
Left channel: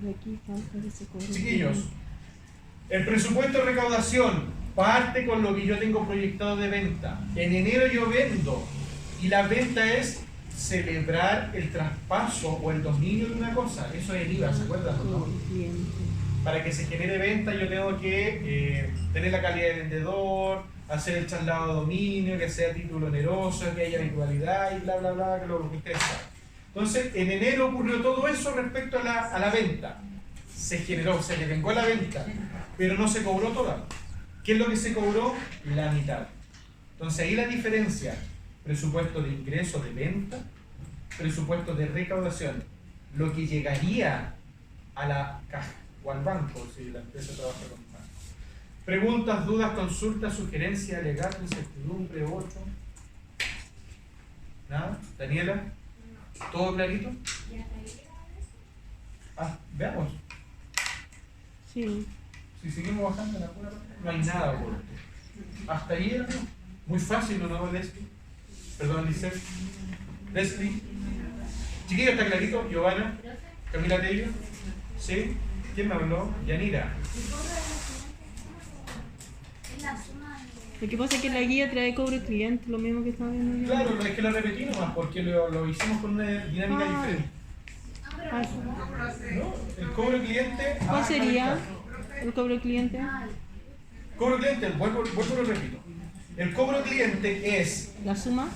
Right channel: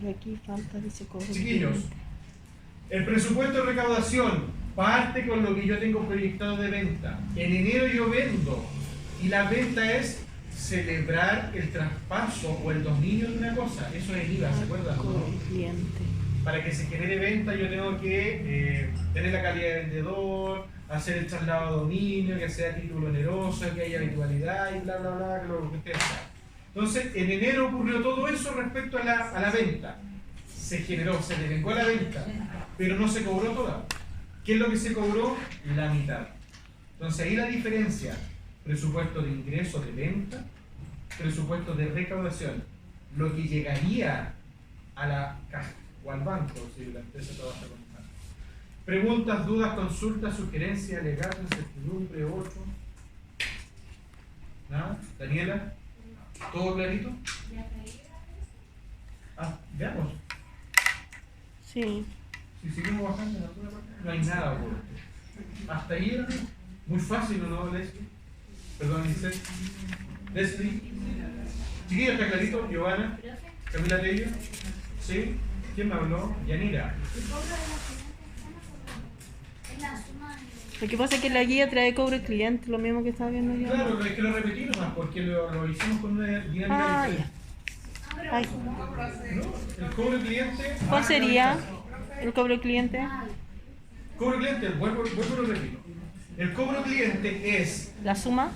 Pero aquí falta que se cobre. Chiquillos, el presupuesto de recaudación parte con lo que yo tengo proyectado de venta. En enero yo vendo y la venta es celebrar el traspaso o el dominio de una cosa. Eso es el IVA, ¿se acuerdan? ¿No? Cliente. Para que se genere venta yo tengo que tener la calidad de vendedor, hacer el traslado de dominio, que sea título oneroso, que haya habitualidad y bla, bla, bla, lo que ustedes saben. Entonces, en enero ocurrió todo eso respecto a la venta. Se generó, se devengó la venta, pero no se cobró toda. ¿Qué es lo que se cobró? La mitad. Entonces, ahí la diferencia: presupuesto de ingreso de venta, presupuesto de recaudación. Lo que llegaría a la caja o al banco, si la empresa trabaja con banco. Preguntas, dudas, consultas, sugerencias, alegatos, incertidumbre, otro. ¿Nada? ¿Daniela? ¿Todo clarito? Veamos. Sí. Si seguimos bajando en alguna parte, no hay nada. Hasta ahí era muy fácil, ¿no, Leslie? Perdón, Leslie. Chiquillo, ¿está clarito? Giovanna. Camila Tello. ¿Sí? ¿Quién me habló? Yanira. Lo que pasa es que la guía trae cobro cliente, lo mismo que estaba viendo yo. Claro, es que lo repetí nomás porque lo hicimos con una dinámica diferente. Ay. ¿No? El cobro cliente. ¿Cuál sería el cobro cliente? Cobro cliente, vuelvo y lo repito. El cobro cliente es: ¿La suma?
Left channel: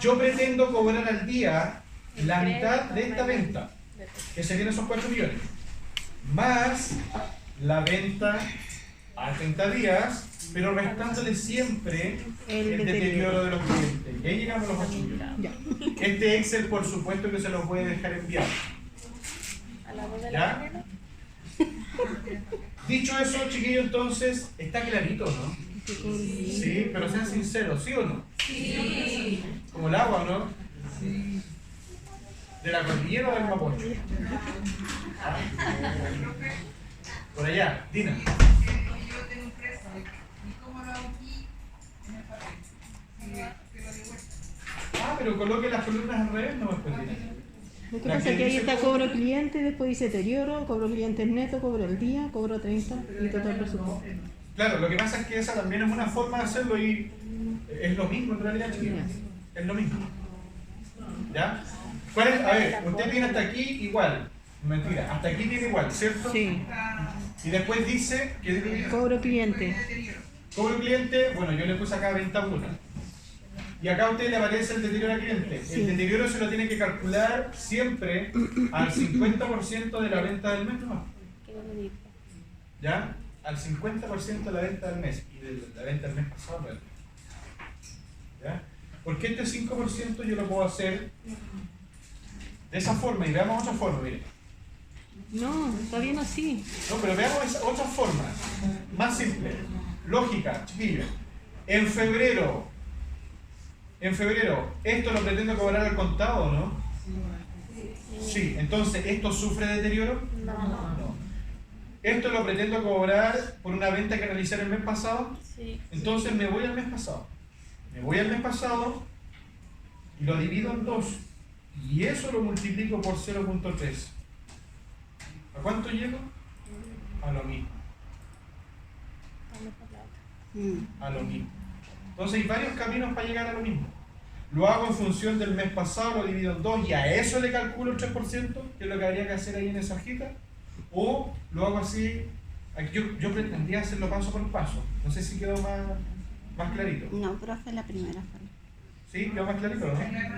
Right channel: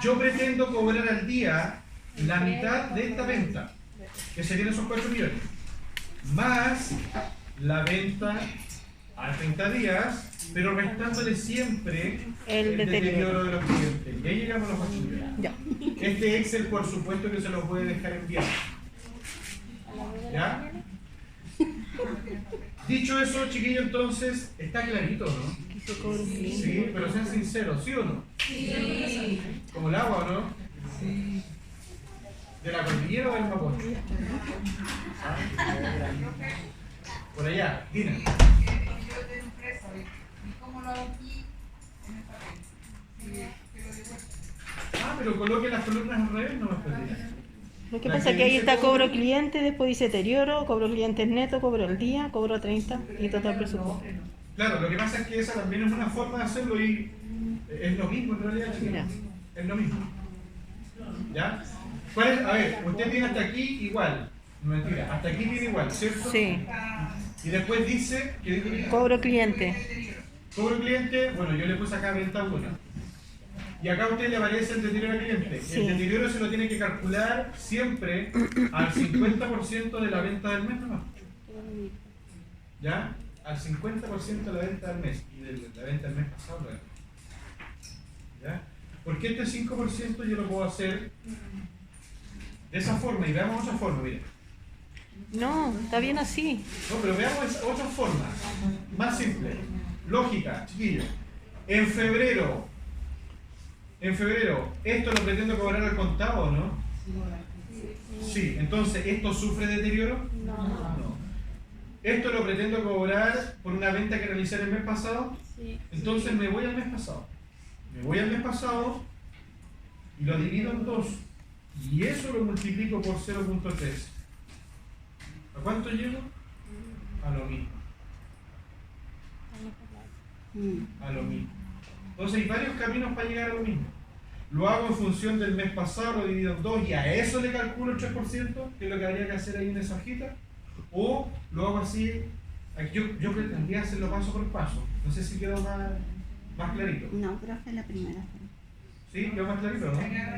yo pretendo cobrar al día la mitad de esta venta, que serían esos 4 millones, más la venta a 30 días, pero restándole siempre el deterioro de los clientes. Y ahí llegamos a los 8 millones. Ya. Este Excel, por supuesto, que se lo puede dejar enviar. ¿Ya? Dicho eso, chiquillo, entonces, está clarito, ¿no? Sí, pero sean sinceros, ¿sí o no? Sí. Como el agua, ¿no? Sí. ¿De la cordillera o del Mapocho? Por allá, Dina. Yo tengo un preso, ¿y cómo lo hago aquí en el papel? Si te lo digo. Pero coloque las columnas al revés, no me puede. Lo que pasa es que ahí está cobro cliente, después dice deterioro, cobro clientes neto, cobro el día, cobro 30 y total presupuesto. Claro, lo que pasa es que esa también es una forma de hacerlo y es lo mismo en realidad, chiquillos. Es lo mismo. ¿Ya? ¿Cuál es? A ver, usted tiene hasta aquí igual. Mentira, hasta aquí tiene igual, ¿cierto? Sí. Y después dice que Cobro cliente. cobro cliente, bueno, yo le puse acá venta 1. Y acá a usted le aparece el deterioro al cliente. Sí. El deterioro se lo tiene que calcular siempre al 50% de la venta del mes nomás. ¿Ya? Al 50% de la venta del mes. Y de la venta del mes pasado. ¿Verdad? ¿Ya? Porque este 5% yo lo puedo hacer de esa forma. Y veamos otra forma, mire. No, está bien así. No, pero veamos otra forma. Más simple. Lógica, chiquillos. En febrero, ¿esto lo pretendo cobrar al contado o no? Sí, entonces, ¿esto sufre deterioro? No. ¿Esto lo pretendo cobrar por una venta que realicé el mes pasado? Sí. Entonces me voy al mes pasado. Me voy al mes pasado y lo divido en 2. Y eso lo multiplico por 0.3. ¿A cuánto llego? A lo mismo. A lo mismo. Entonces hay varios caminos para llegar a lo mismo. Lo hago en función del mes pasado, lo divido en 2 y a eso le calculo el 3%, que es lo que habría que hacer ahí en esa hojita. O lo hago así, aquí yo pretendía hacerlo paso por paso. No sé si quedó más clarito. No, profe, la primera. ¿Sí? ¿Quedó más clarito, no? Era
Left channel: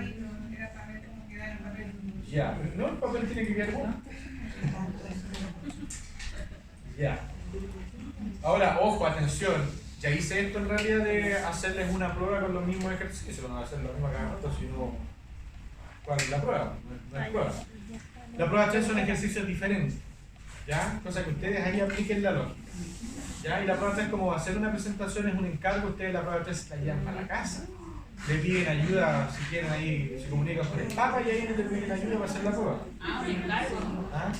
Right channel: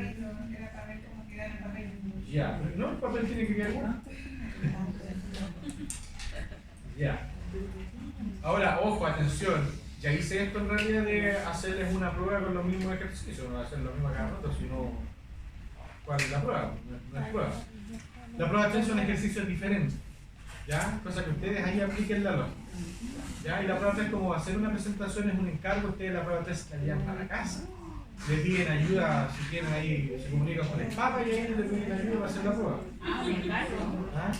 para ver cómo queda el papel. Ya, no, el papel tiene que quedar bueno. Ya. Ahora, ojo, atención. Ya hice esto en realidad de hacerles una prueba con los mismos ejercicios, no hacer la misma cada rato, sino ¿cuál es la prueba? No es prueba. La prueba 3 son ejercicios diferentes, ¿ya? Cosa que ustedes ahí apliquen la lógica, ¿ya? Y la prueba 3, como va a ser una presentación, es un encargo, ustedes la prueba 3 la llevan para la casa, le piden ayuda, si quieren ahí, se comunican con el Papa y ahí le piden ayuda para hacer la prueba. ¿Ah?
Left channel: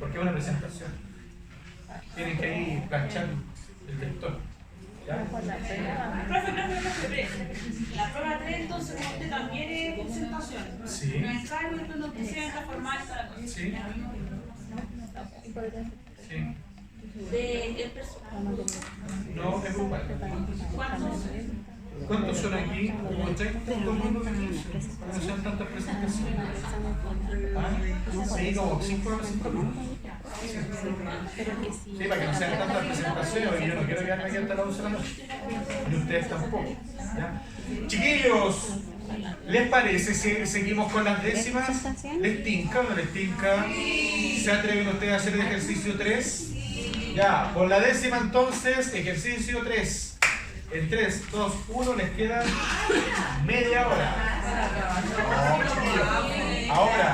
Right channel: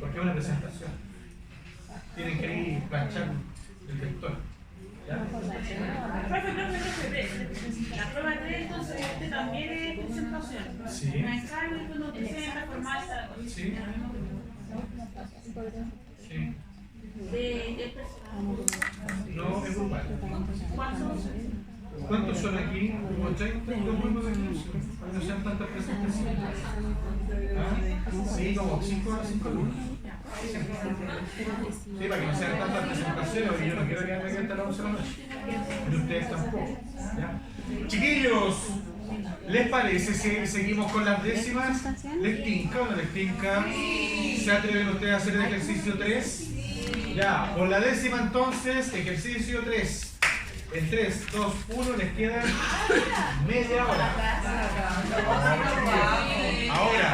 Porque es una presentación. Tienen que ir planchar el lector. ¿Ya? La prueba 3 entonces usted también es presentación. Sí. Un examen donde usted se entra a formarse la cosa. Sí. Sí. De el personal. No, es grupal. ¿Cuántos son aquí? Como 30, como unos ejercicios. Para que no sean tantas presentaciones. ¿Ah? Sí, como 5 alumnos. Sí, para que no sean tantas presentaciones y yo no quiero quedarme aquí hasta las 11 de la noche. Y ustedes tampoco. ¿Ya? Chiquillos, ¿les parece si seguimos con las décimas? ¿Les tinca o no les tinca? ¿Se atreven ustedes a hacer el ejercicio 3? Ya, por la décima entonces, ejercicio 3. En 3, 2, 1 les queda media hora. Ahora.